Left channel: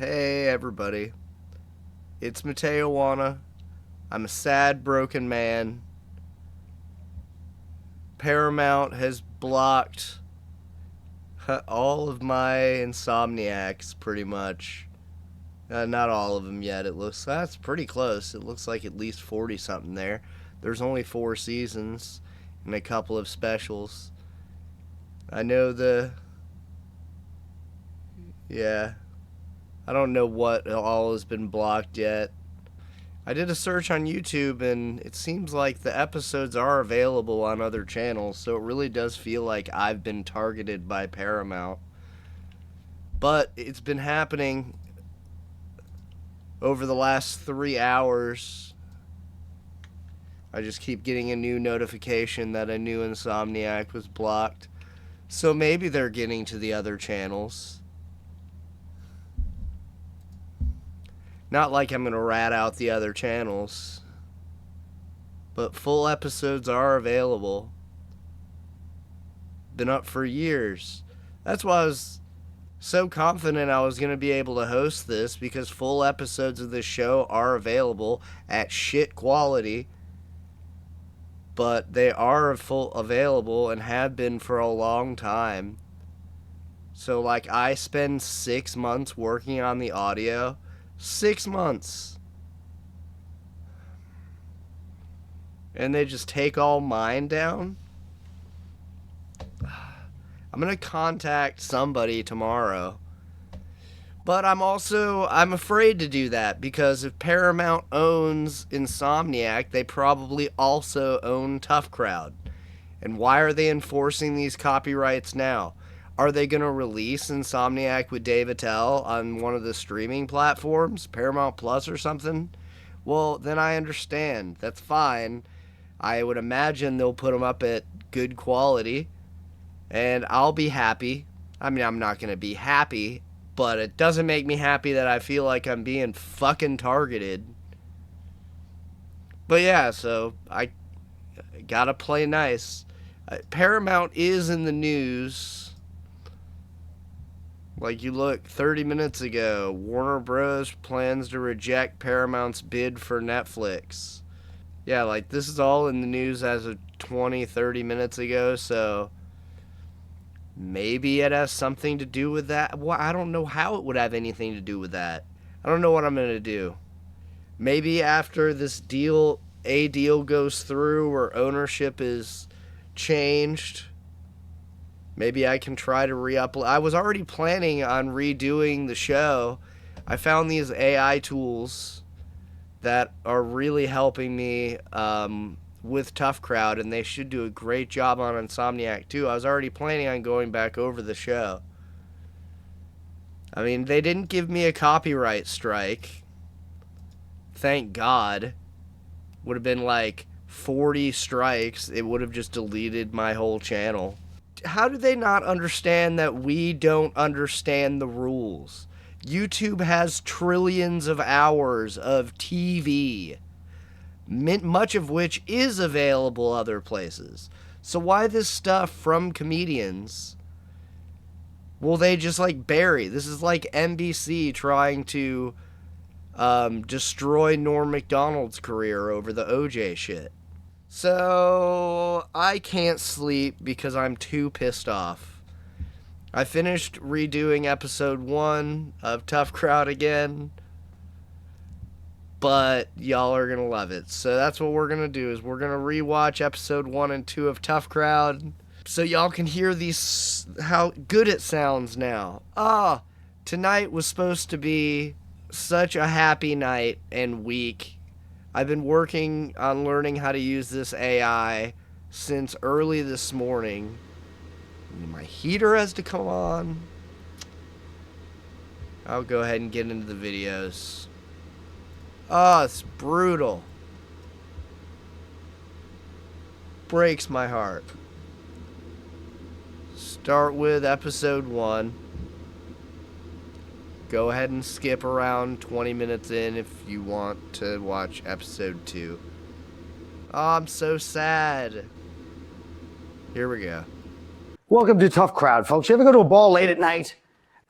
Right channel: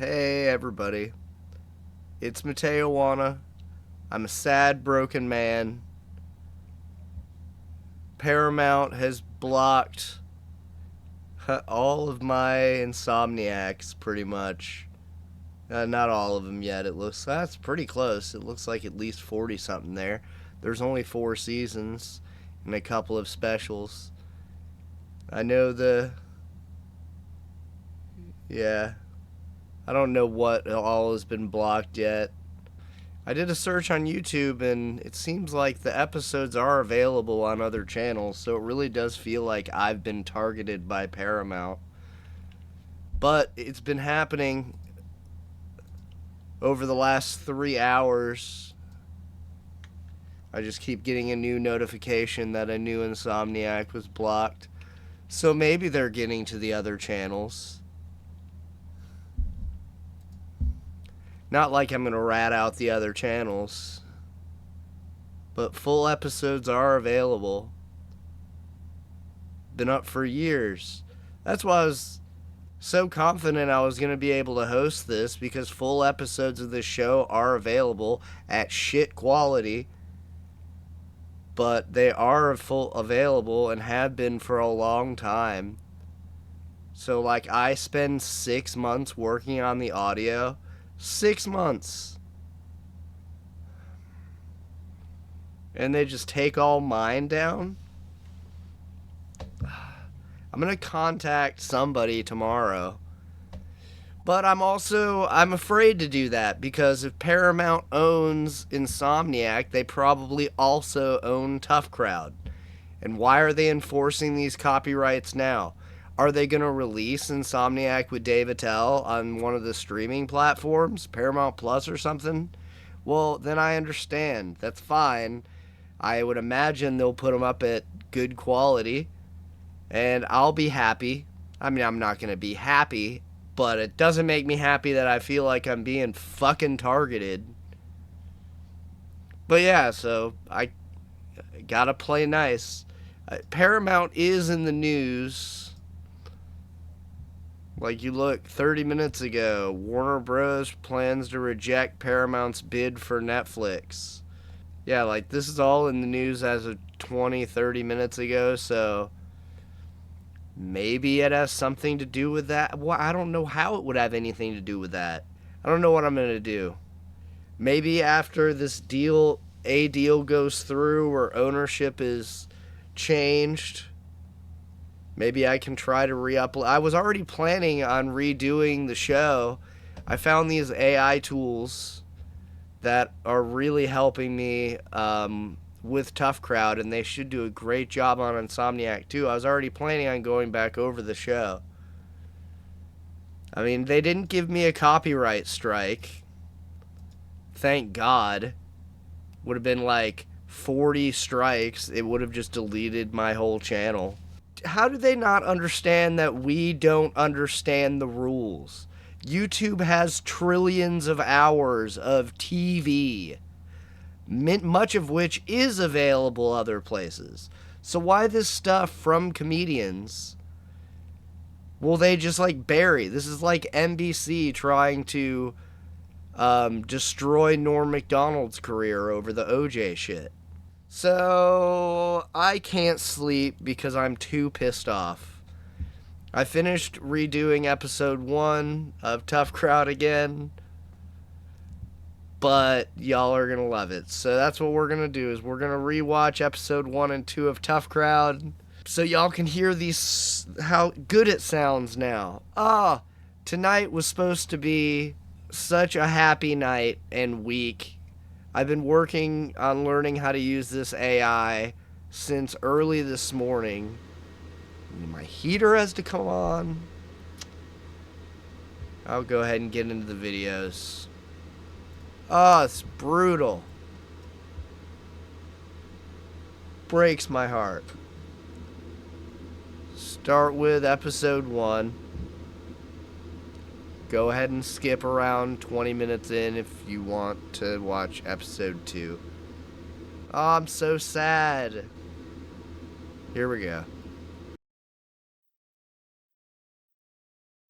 Hey everybody, it's MaTeOWaNnA. I'm a sad, broken man. Paramount has blocked all of my Insomniacs, pretty much. Not all of them yet, it looks. That's pretty close. It looks like at least 40 something there. There's only 4 seasons and a couple of specials. I know yeah. I don't know what all has been blocked yet. I did a search on YouTube and it seems like the episodes are available on other channels, so it really does feel like I've been targeted by Paramount. But it's been happening over the last 3 hours. I just keep getting a new notification that a new Insomniac was blocked. So maybe they're getting to the other channels. Not like I'm going to rat out the other channels. But full episodes are available. Been up for years. That's why I was so confident I was going to be able to host this, because full episodes of this show are available at shit quality. But they are full available and have been for a long time. So like I spend 6 months working on the audio. 6 months. And they just take all mine down? I'm going to contact somebody tomorrow. But I'm afraid to do that, because if Paramount owns Insomniac, they probably also own Tough Crowd. And why are they enforcing these copyrights now? Are they going to release Insomniac with Dave Attell on one of the streaming platforms, Paramount Plus or something? Well, then I understand. That's fine. I would imagine they'll put them up at good quality, and I'll be happy. I mean, I'm not going to be happy, but it doesn't make me happy that I feel like I'm being fucking targeted. But yeah, so I gotta play nice. Paramount is in the news. Like, you look, 30 minutes ago, Warner Bros. Plans to reject Paramount's bid for Netflix. Yeah, like, this is all in the news as of 20, 30 minutes ago, so maybe it has something to do with that. Well, I don't know how it would have anything to do with that. I don't know what I'm going to do. Maybe after this deal goes through, or ownership is changed, maybe I can try to re-upload. I was already planning on redoing the show. I found these AI tools that are really helping me with Tough Crowd, and they should do a great job on Insomniac too. I was already planning on going back over the show. I mean, they didn't give me a copyright strike. Thank God. Would have been like 40 strikes. It would have just deleted my whole channel. How do they not understand that we don't understand the rules? YouTube has trillions of hours of TV, much of which is available other places. So why this stuff from comedians will they just like bury? This is like NBC trying to destroy Norm Macdonald's career over the OJ shit. So I can't sleep because I'm too pissed off. I finished redoing episode 1 of Tough Crowd again, but y'all are gonna love it. So that's what we're gonna do, is we're gonna rewatch episode 1 and 2 of Tough Crowd, so y'all can hear these, how good it sounds now. Tonight was supposed to be such a happy night and week. I've been working on learning how to use this AI since early this morning. My heater has to come on. I'll go ahead and get into the videos. It's brutal. Breaks my heart. Start with episode 1. Go ahead and skip around 20 minutes in if you want to watch episode 2. I'm so sad. Here we go. Welcome to Tough Crowd, folks. You ever go to a ball late at night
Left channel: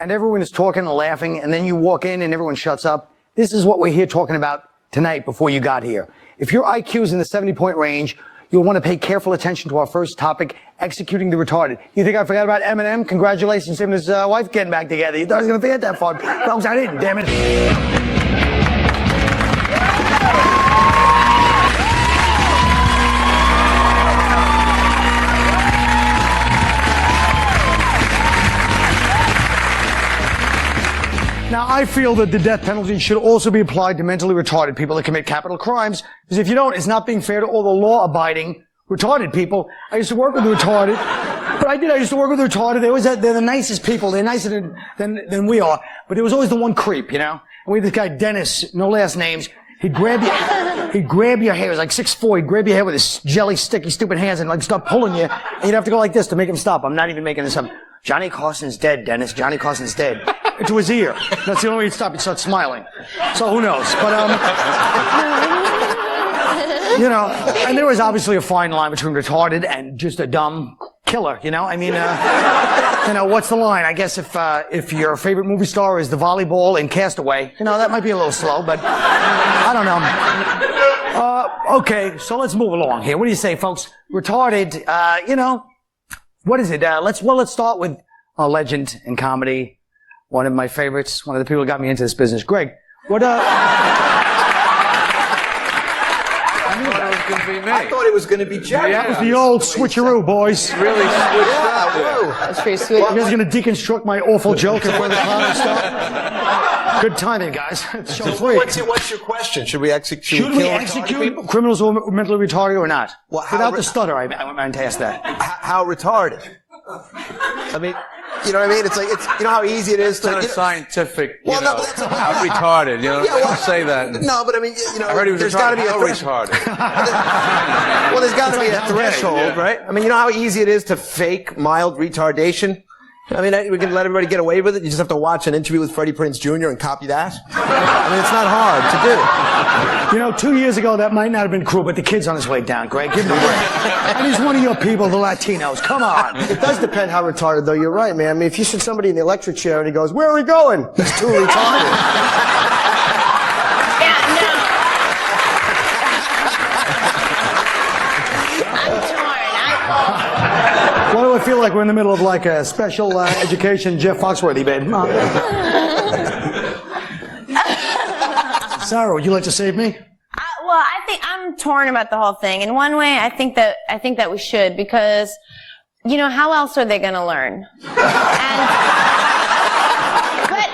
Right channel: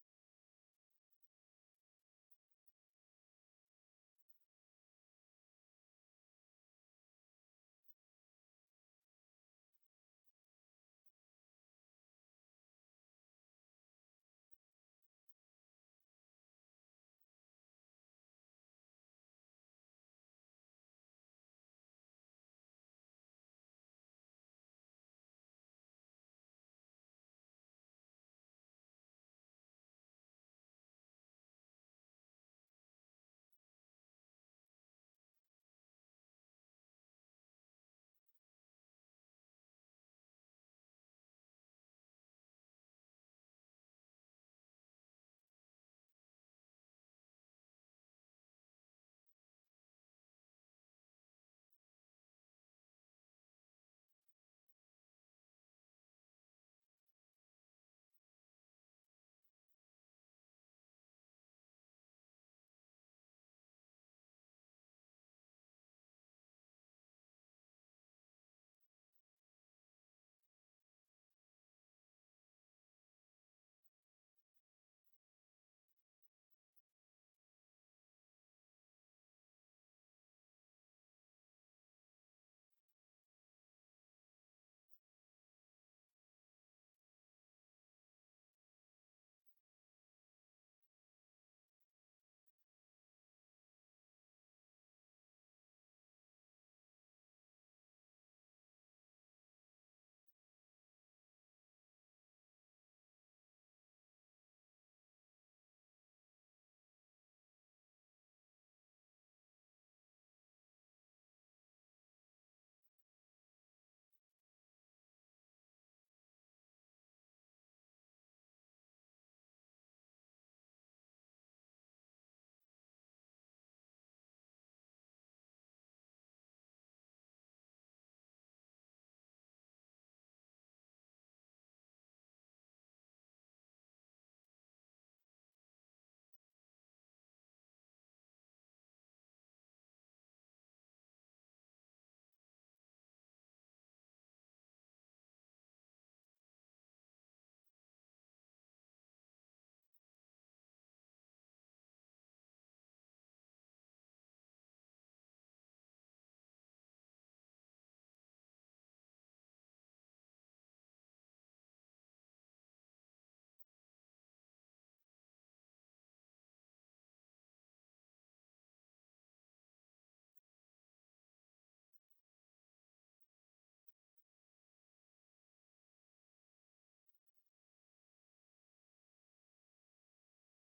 and everyone is talking and laughing, and then you walk in and everyone shuts up. This is what we're here talking about tonight before you got here. If your IQ is in the 70-point range, you'll want to pay careful attention to our first topic, executing the retarded. You think I forgot about Eminem? Congratulations, him and his wife getting back together. You thought I was going to forget that far. Folks, I didn't, damn it. Now, I feel that the death penalty should also be applied to mentally retarded people that commit capital crimes, because if you don't, it's not being fair to all the law-abiding retarded people. I used to work with the retarded, but I used to work with the retarded. They're the nicest people. They're nicer than we are, but there was always the one creep, you know? And we had this guy, Dennis, no last names. He'd grab your hair. He was like 6'4". He'd grab your hair with his jelly, sticky, stupid hands and like start pulling you, and you'd have to go like this to make him stop. I'm not even making this up. Johnny Carson's dead, Dennis. Johnny Carson's dead. Into his ear. That's the only way he'd stop. He'd start smiling. So who knows? But, you know, and there was obviously a fine line between retarded and just a dumb killer, you know? I mean, you know, what's the line? I guess if your favorite movie star is the volleyball in Castaway, you know, that might be a little slow, but I don't know. Okay, so let's move along here. What do you say, folks? Retarded, you know, what is it? Let's start with a legend in comedy. One of my favorites. One of the people who got me into this business. Greg, what, I thought it was going to be Jerry. That was the old switcheroo, boys. Really switched up. That's pretty sweet. You guys are going to deconstruct my awful joke in front of the crowd and stuff? Good timing, guys. It's show three. What's your question? Should we execute criminals who are mentally retarded or not? Well, without the stutter, I meant to ask that. How retarded? I mean, you know what I mean? It's like, you know how easy it is to... It's not a scientific, well, no, but that's how retarded, you know? Yeah, well, say that. No, but I mean, you know, I heard he was there's got to be a retarded. Well, there's got to be a threshold, right? I mean, you know how easy it is to fake mild retardation? I mean, we can let everybody get away with it. You just have to watch an interview with Freddie Prinze Jr. and copy that. I mean, it's not hard to do. You know, 2 years ago, that might not have been cool, but the kid's on his way down, Greg. Give him a break. And he's one of your people, the Latinos. Come on. It does depend how retarded, though. You're right, man. I mean, if you sit somebody in the electric chair and he goes, "Where are we going?" He's too retarded. Yeah, no. I'm torn. Why do I feel like we're in the middle of like a special education Jeff Foxworthy bid? Sarah, would you like to save me? Well, I think I'm torn about the whole thing. In one way, I think that we should, because, you know, how else are they going to learn? But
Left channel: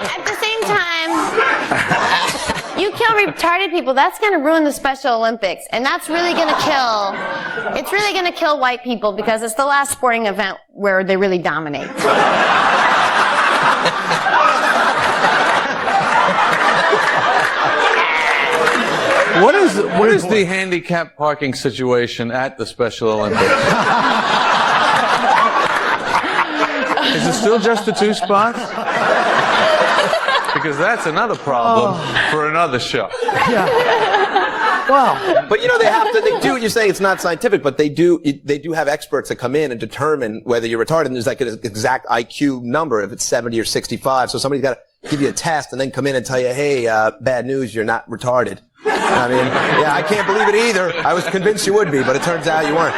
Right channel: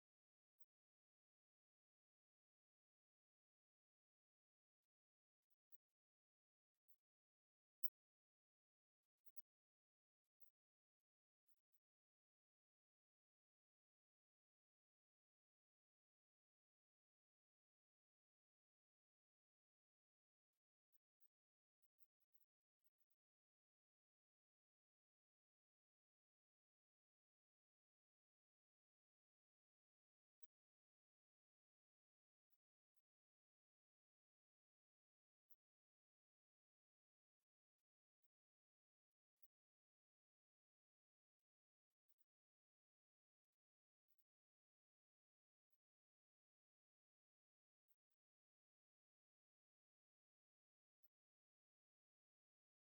at the same time, you kill retarded people, that's going to ruin the Special Olympics, and that's really going to kill. It's really going to kill white people because it's the last sporting event where they really dominate. What is the handicap parking situation at the Special Olympics? Is it still just the 2 spots? Because that's another problem for another show. Yeah. Wow. But you know, they do, you're saying it's not scientific, but they do have experts that come in and determine whether you're retarded, and there's like an exact IQ number, if it's 70 or 65. So somebody's got to give you a test and then come in and tell you, hey, bad news, you're not retarded. I mean, yeah, I can't believe it either. I was convinced you would be, but it turns out you weren't.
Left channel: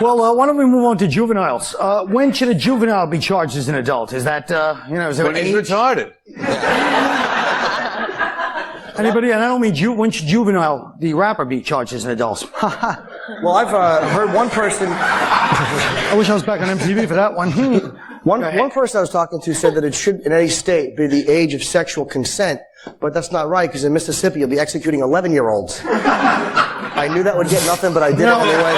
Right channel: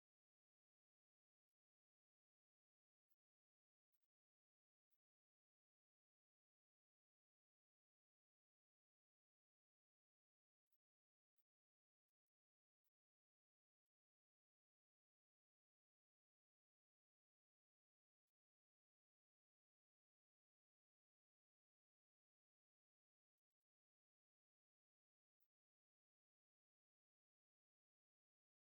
Well, why don't we move on to juveniles? When should a juvenile be charged as an adult? Is that, you know, is there When he's retarded. Anybody, and I don't mean when should Juvenile, the rapper, be charged as an adult? Well, I've heard one person. I wish I was back on MTV for that one. One person I was talking to said that it should, in any state, be the age of sexual consent, but that's not right, because in Mississippi, you'll be executing 11-year-olds. I knew that would get nothing, but I did it anyway.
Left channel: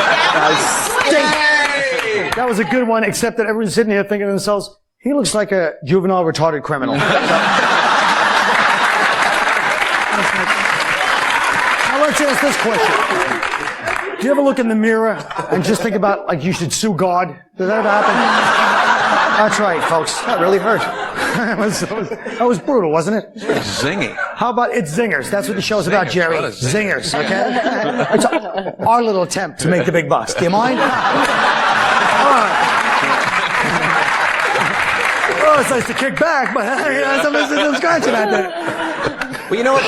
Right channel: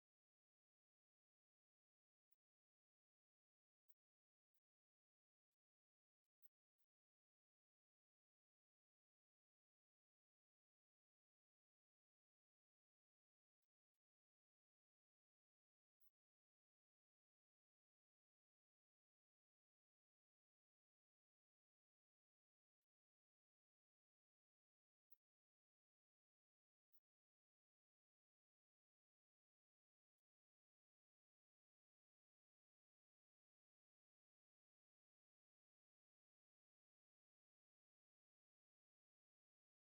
That was a good one, except that everyone's sitting here thinking to themselves, he looks like a juvenile retarded criminal. Now let's ask this question. Do you ever look in the mirror and just think about, like, you should sue God? Does that ever happen? That's right, folks. That really hurt. That was brutal, wasn't it? Zingy. How about It's Zingers? That's what the show's about, Jerry. Zingers, okay? It's our little attempt to make the big bucks. Do you mind? All right. Well, it's nice to kick back, but you know, some scratching out there. Well, you know what?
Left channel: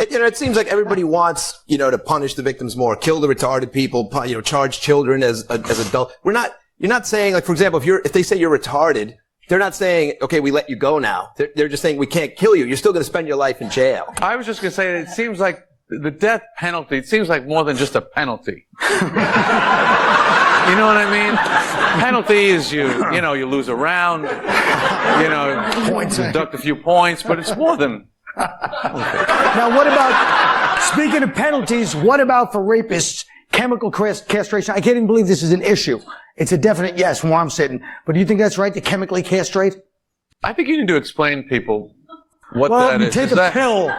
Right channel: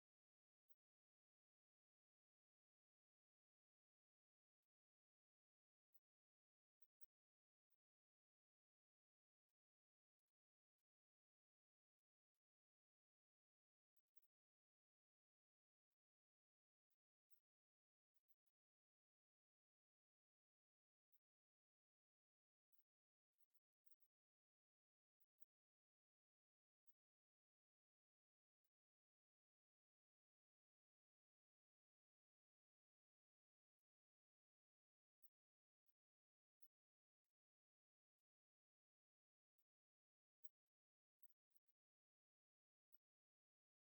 It seems like everybody wants, to punish the victims more, kill the retarded people, charge children as adults. You're not saying, like, for example, if they say you're retarded, they're not saying, okay, we let you go now. They're just saying we can't kill you. You're still going to spend your life in jail. I was just going to say that it seems like the death penalty, it seems like more than just a penalty. You know what I mean? Penalty is you lose a round, deduct a few points, but it's more than. Now, what about, speaking of penalties, what about for rapists, chemical castration? I can't even believe this is an issue. It's a definite yes from where I'm sitting. But do you think that's right, to chemically castrate? I think you need to explain to people what well, that you is. take a pill.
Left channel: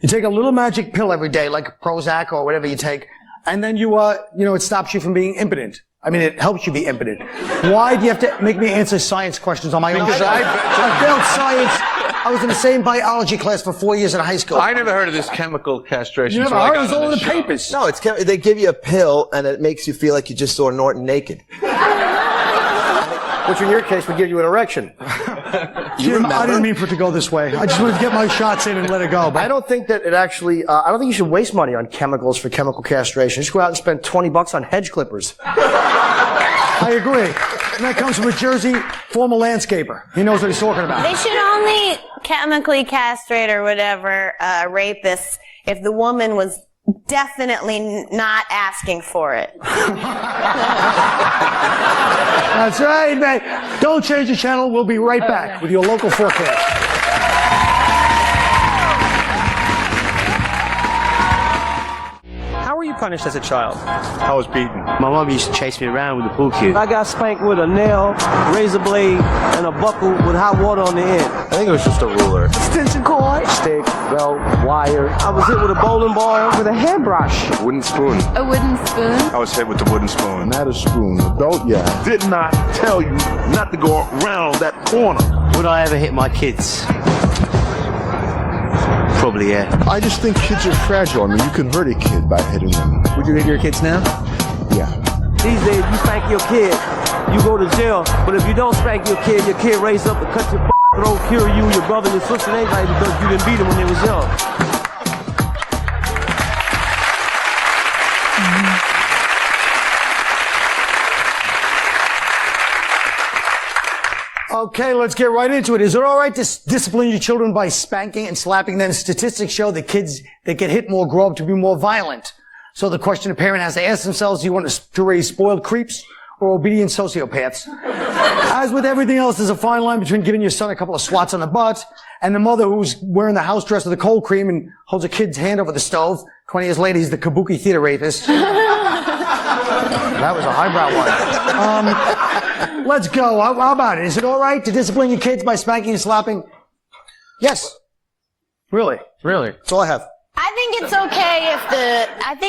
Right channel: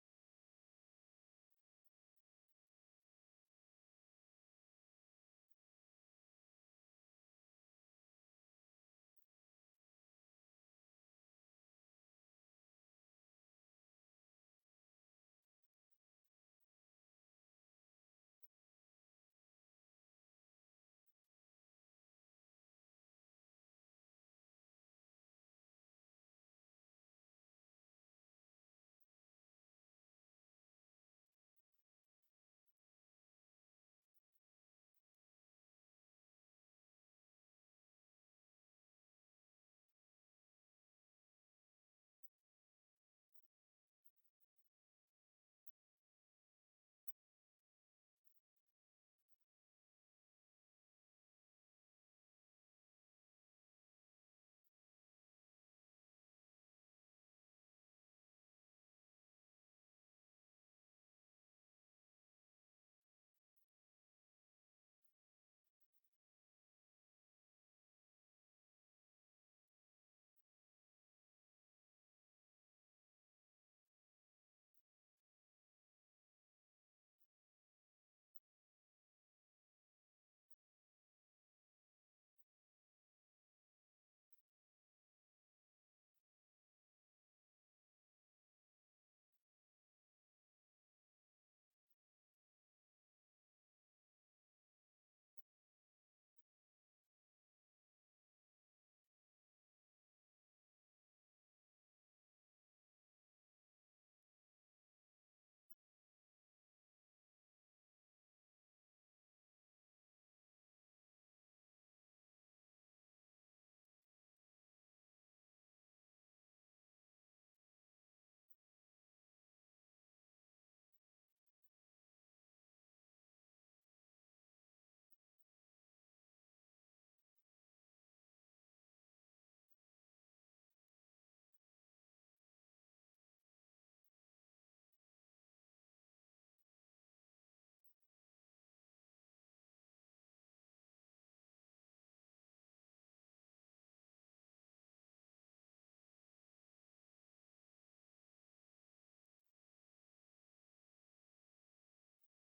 You take a little magic pill every day, like Prozac or whatever you take, and then it stops you from being impotent. I mean, it helps you be impotent. Why do you have to make me answer science questions on my own? Because I failed science. I was in the same biology class for 4 years in high school. I never heard of this chemical castration. You never heard? It was all in the papers. No, they give you a pill, and it makes you feel like you just saw Norton naked. Which in your case would give you an erection. Jim, I didn't mean for it to go this way. I just wanted to get my shots in and let it go. But I don't think that it actually, I don't think you should waste money on chemicals for chemical castration. Just go out and spend $20 on hedge clippers. I agree. And that comes from a Jersey former landscaper. He knows what he's talking about. They should only chemically castrate or whatever rapists if the woman was definitely not asking for it. That's right, man. Don't change the channel. We'll be right back with your local forecast. How were you punished as a child? I was beaten. My mom used to chase me around with a pool cue. I got spanked with a nail, razor blade, and a buckle with hot water on the end. I think it was just a ruler. Extension cord, stick, belt, wire. I was hit with a bowling ball with a hairbrush. Wooden spoon. A wooden spoon? I was hit with the wooden spoon. Not a spoon, a belt, yeah. Did not tell you not to go around that corner. Would I ever hit my kids? Probably, yeah. I just think kids are fragile. I mean, you can hurt a kid by hitting them. Would you hit your kids now? Yeah. These days, you spank your kid, you go to jail. But if you don't spank your kid raise up and cut your throat, kill you, your brother, your sister, and everybody because you didn't beat them when they was young. Okay, let's get right into it. Is it all right to discipline your children by spanking and slapping them? Statistics show that kids that get hit more grow up to be more violent. So the question a parent has to ask themselves, do you want to raise spoiled creeps or obedient sociopaths? As with everything else, there's a fine line between giving your son a couple of swats on the butt and the mother who's wearing the house dress with the cold cream and holds a kid's hand over the stove. 20 years later, he's the kabuki theater rapist. That was a highbrow one. Let's go. How about it? Is it all right to discipline your kids by spanking and slapping? Yes. Really? Really? That's all I have. I think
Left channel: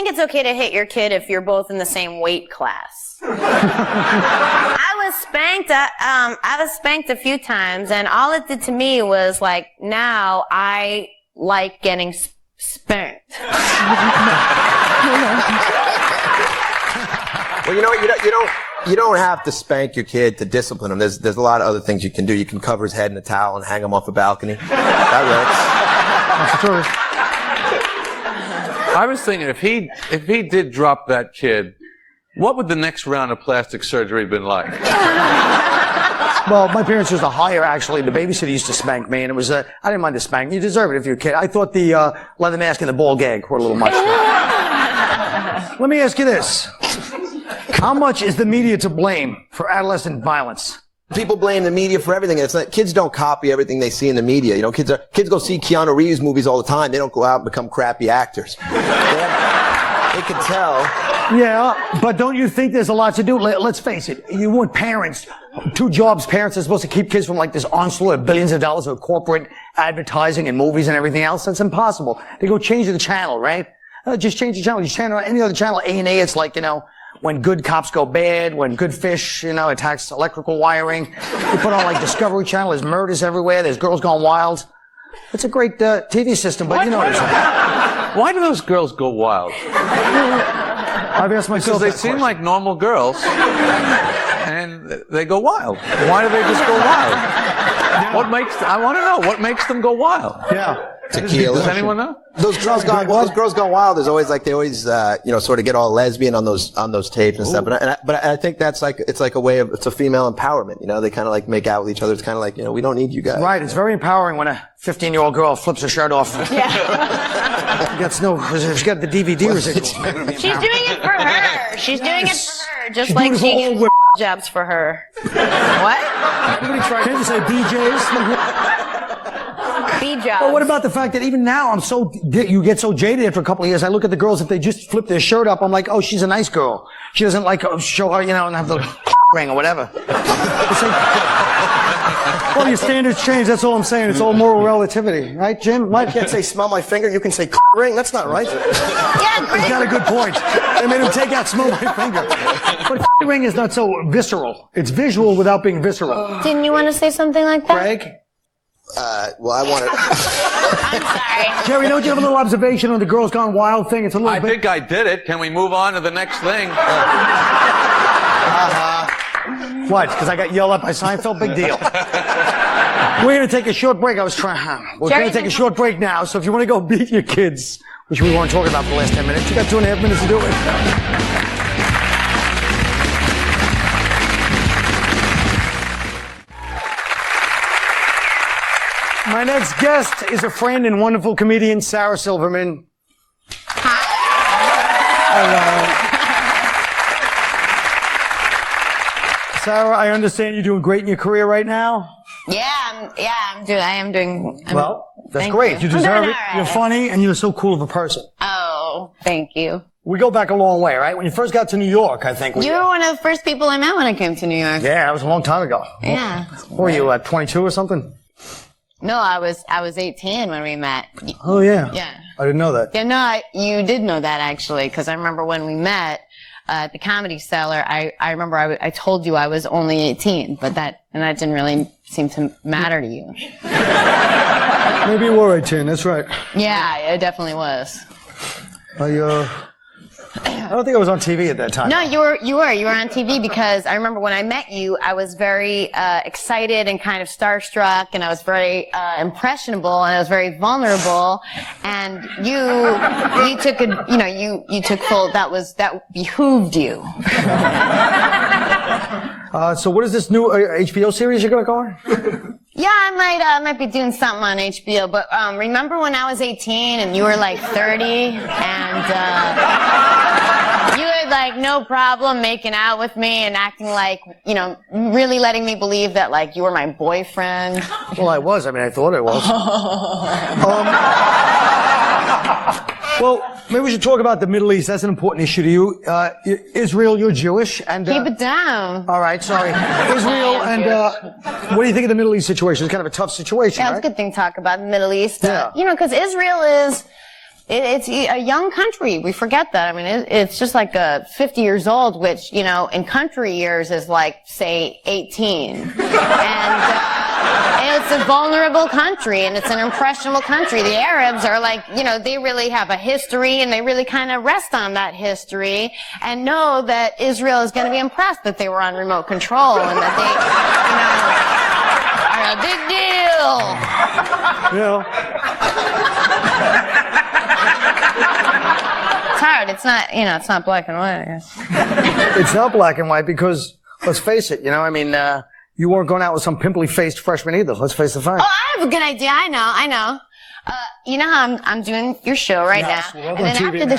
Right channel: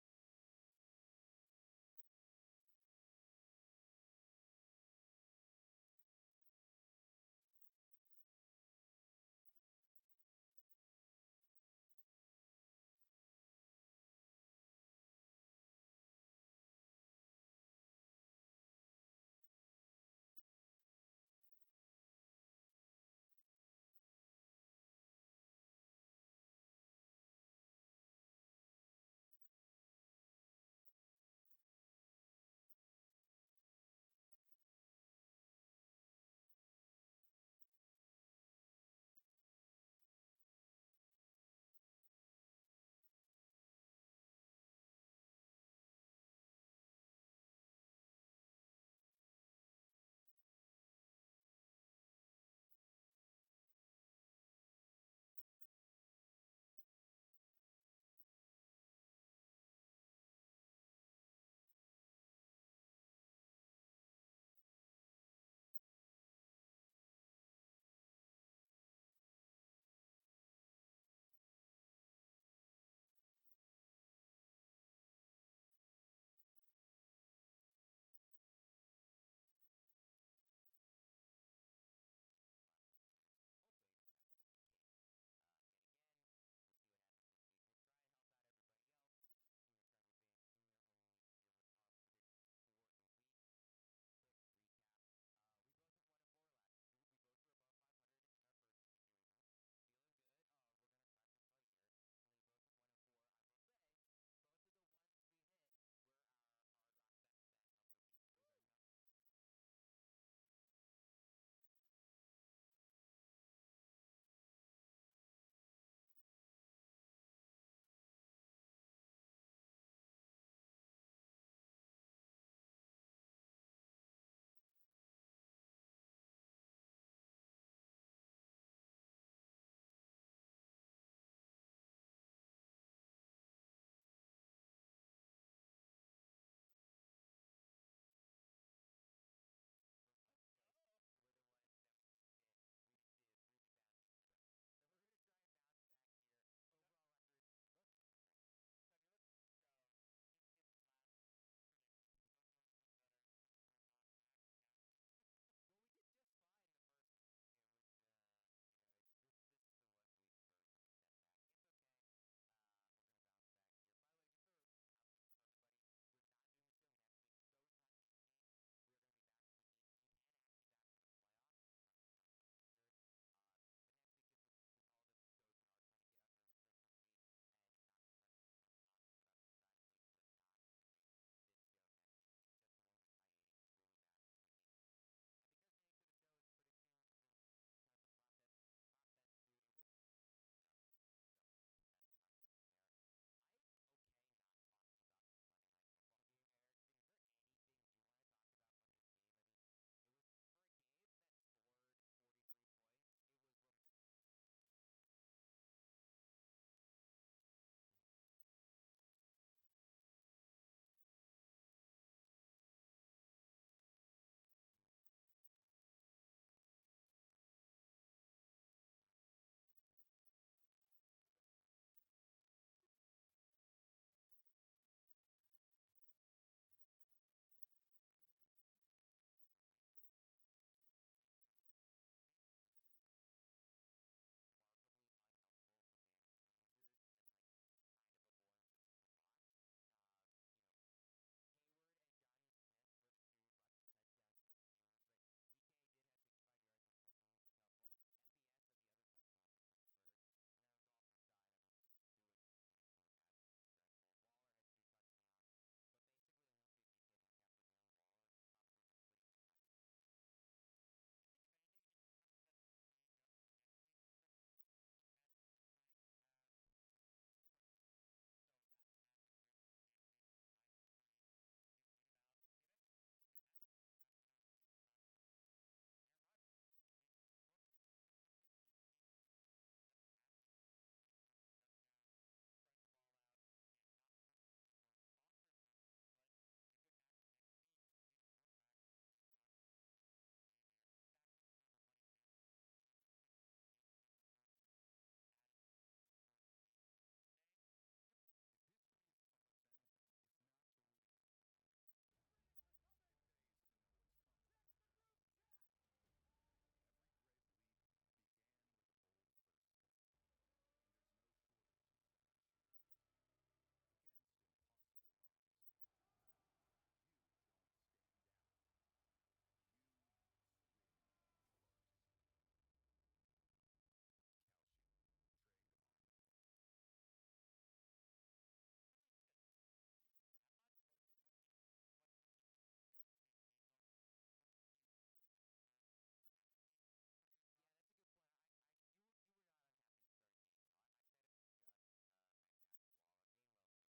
it's okay to hit your kid if you're both in the same weight class. I was spanked a few times, and all it did to me was like, now I like getting spanked. Well, you know what? You don't have to spank your kid to discipline him. There's a lot of other things you can do. You can cover his head in a towel and hang him off a balcony. That That's true. I was thinking if he did drop that kid, what would the next round of plastic surgery have been like? Well, my parents used to hire, actually. The babysitter used to spank me, and it was, I didn't mind the spanking. You deserve it if you're a kid. I thought the leather mask and the ball gag were a little much. Let me ask you this. How much is the media to blame for adolescent violence? People blame the media for everything. It's not, kids don't copy everything they see in the media. You know, kids go see Keanu Reeves movies all the time. They don't go out and become crappy actors. They can tell. Yeah, but don't you think there's a lot to do? Let's face it. You want parents, two jobs parents are supposed to keep kids from like this onslaught of billions of dollars of corporate advertising and movies and everything else. That's impossible. They go change the channel, right? Just change the channel. Just channel any other channel. A&A, it's like, you know, when good cops go bad, when good fish, you know, attacks electrical wiring. You put on like Discovery Channel, there's murders everywhere, there's girls gone wild. It's a great TV system, but you know what I'm saying. Why do those girls go wild? I've asked myself Because they seem like normal girls. and they go wild. Why do they just go wild? I want to know, what makes them go wild? Yeah. Tequila. Does anyone know? Those girls gone wild. There's always they always sort of get all lesbian on those tapes and stuff. But I think that's it's like a way of, it's a female empowerment. They kind of like make out with each other. It's kind of like, we don't need you guys. Right. It's very empowering when a 15-year-old girl flips her shirt off. Yeah. She's got the DVD residual. She's doing it for her. She's doing it for her, just like she gets jobs for her. What? Everybody trying to say BJs. B-jobs. Well, what about the fact that even now you get so jaded after a couple of years. I look at the girls, if they just flip their shirt up, I'm like, oh, she's a nice girl. She doesn't like show her, and have the ring or whatever. Well, your standards change. That's all I'm saying. It's all moral relativity, right, Jim? Mike can't say smell my finger. You can say ring. That's not right. Yeah, He's got a good point. They made him take out smell my finger. But ring is not so visceral. It's visual without being visceral. Didn't you want to say something like that? Greg? Well, I want to. I'm sorry. Jerry, don't you have a little observation on the Girls Gone Wild thing? It's a little I bit... think I did it. Can we move on to the next thing? What? Because I got yelled at by Seinfeld? Big deal. We're going to take a short break. We're going to take a short break now, so if you want to go beat your kids, which we weren't talking about for the last 10 minutes, you got 2.5 minutes to do it. My next guest is a friend and wonderful comedian, Sarah Silverman. Hello. Sarah, I understand you're doing great in your career right now. I am doing. Well, that's great. You deserve it. Right. You're funny, and you're so cool of a person. Oh, thank you. We go back a long way, right? When you first got to New York, I think. You were one of the first people I met when I came to New York. Yeah, that was a long time ago. Yeah. What were you, 22 or something? No, I was 18 when we met. Oh, yeah. Yeah. I didn't know that. Yeah, no, you did know that, actually, because I remember when we met at the Comedy Cellar, I remember I told you I was only 18, but that didn't really seem to matter to you. Maybe you were 18, that's right. Yeah, it definitely was. I don't think I was on TV at that time. No, you were on TV, because I remember when I met you, I was very excited and kind of starstruck, and I was very impressionable, and I was very vulnerable, and you took you took full, that behooved you. So what is this new HBO series you're gonna go on? Yeah, I might be doing something on HBO, but remember when I was 18 and you were like 30, and you had like no problem making out with me and acting like, really letting me believe that like you were my boyfriend? Well, I was. I mean, I thought I was. Well, maybe we should talk about the Middle East. That's an important issue to you. Israel, you're Jewish, and keep it down. All right, sorry. Israel, and what do you think of the Middle East situation? It's kind of a tough situation, Yeah, right? it's a good thing to talk about the Middle East. Yeah. Because Israel is. It's a young country. We forget that. I mean, it's just like 50 years old, which, in country years is like, say, 18. And it's a vulnerable country, and it's an impressionable country. The Arabs are like, they really have a history, and they really kind of rest on that history and know that Israel is going to be impressed that they were on remote control and that they, are a big deal. It's hard. It's not, it's not black and white, I guess. It's not black and white because, let's face it, you weren't going out with some pimply-faced freshman either. Let's face the fact. Oh, I have a good idea. I know. You know how I'm doing your show right now, and then after the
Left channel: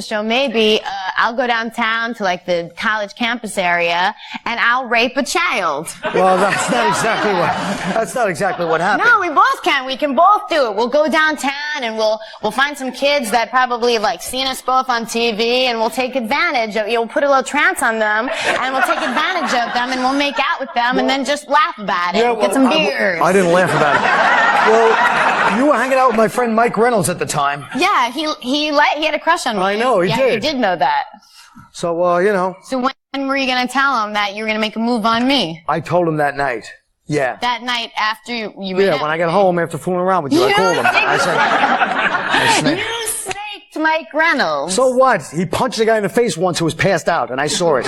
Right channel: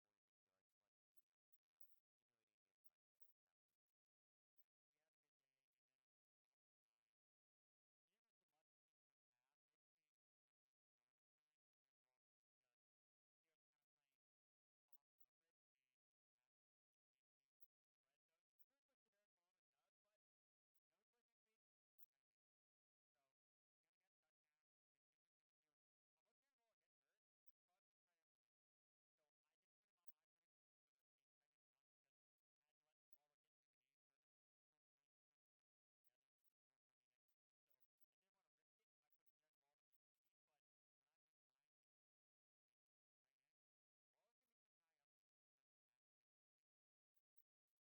show, maybe I'll go downtown to like the college campus area, and I'll rape a child. Well, that's not exactly what happened. No, we both can. We can both do it. We'll go downtown, and we'll find some kids that probably like seen us both on TV, and we'll take advantage of. We'll put a little trance on them, and we'll take advantage of them, and we'll make out with them, and then just laugh about it. Get some beers. I didn't laugh about it. Well, you were hanging out with my friend Mike Reynolds at the time. Yeah, he had a crush on me. I know, he did. Yeah, you did know that. So, So when were you going to tell him that you were going to make a move on me? I told him that night. Yeah. That night after you Yeah, when I got home after fooling around with you, I called him. I said, you snaked Mike Reynolds. So what? He punched a guy in the face once who was passed out, and I saw it.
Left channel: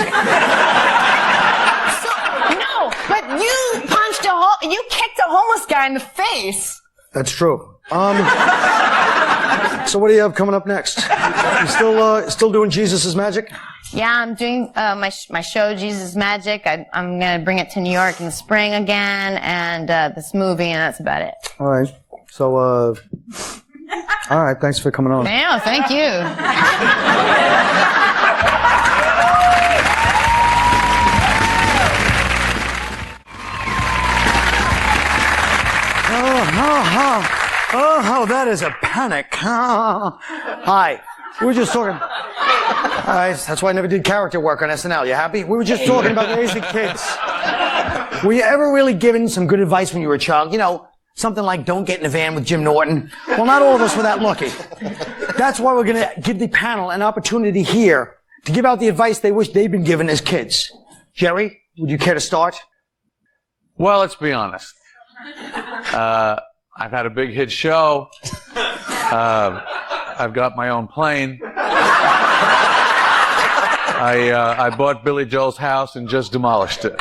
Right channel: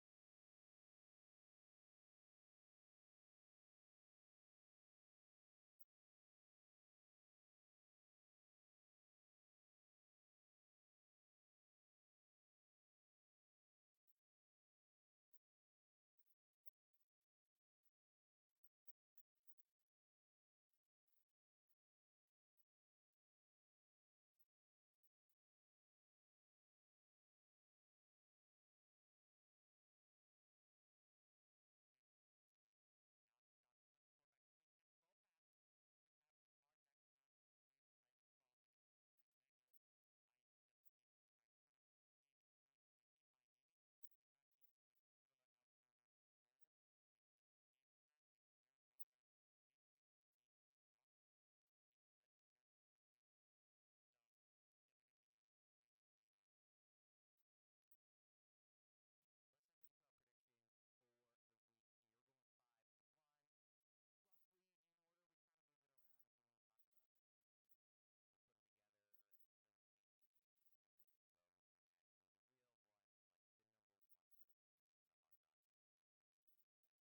you kicked a homeless guy in the face. That's true. So what do you have coming up next? You still doing Jesus' Magic? Yeah, I'm doing my show, Jesus Magic. I'm going to bring it to New York in the spring again, and this movie, and that's about it. All right. So, all right. Thanks for coming on. Yeah, thank you. Oh, that is a panic. Hi. We were just talking. All right, that's why I never did character work on SNL. You happy? We were just talking about raising kids. Were you ever really given some good advice when you were a child? You know, something like don't get in a van with Jim Norton. Well, not all of us were that lucky. That's why we're going to give the panel an opportunity here to give out the advice they wish they'd been given as kids. Jerry, would you care to start? Well, let's be honest. I've had a big hit show. I've got my own plane. I bought Billy Joel's house and just demolished it.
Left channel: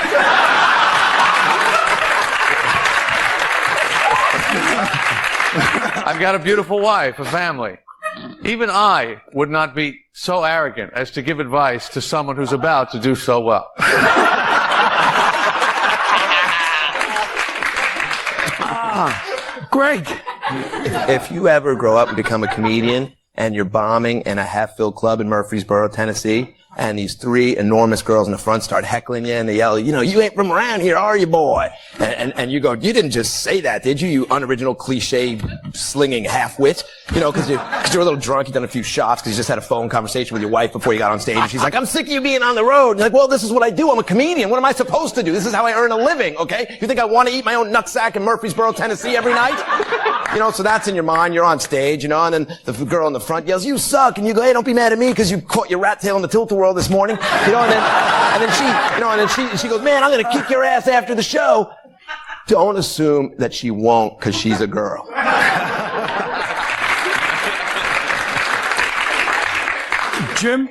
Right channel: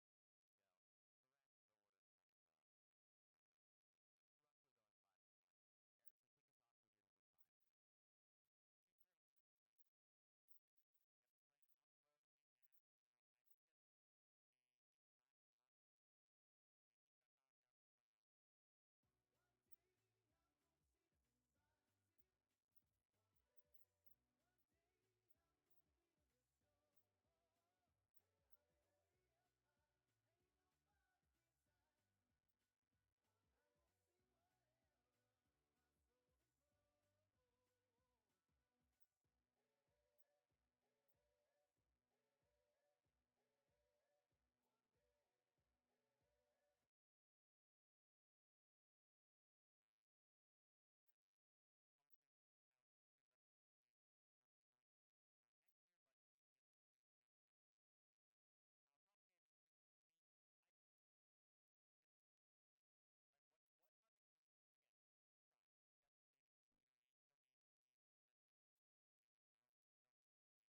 I've got a beautiful wife, a family. Even I would not be so arrogant as to give advice to someone who's about to do so well. Greg. If you ever grow up and become a comedian and you're bombing in a half-filled club in Murfreesboro, Tennessee, and these three enormous girls in the front start heckling you and they yell, you know, you ain't from around here, are you, boy? And you go, you didn't just say that, did you, you unoriginal cliche slinging half-wit? You know, because you're a little drunk, you've done a few shots because you just had a phone conversation with your wife before you got on stage, and she's like, I'm sick of you being on the road. And you're like, well, this is what I do, I'm a comedian, what am I supposed to do? This is how I earn a living, okay? You think I want to eat my own nutsack in Murfreesboro, Tennessee every night? You know, so that's in your mind, you're on stage, you know, and then the girl in the front yells, you suck, and you go, hey, don't be mad at me because you caught your rat tail in the tilt-a-whirl this morning, you know, and then she goes, man, I'm gonna kick your ass after the show. Don't assume that she won't because she's a girl. Jim?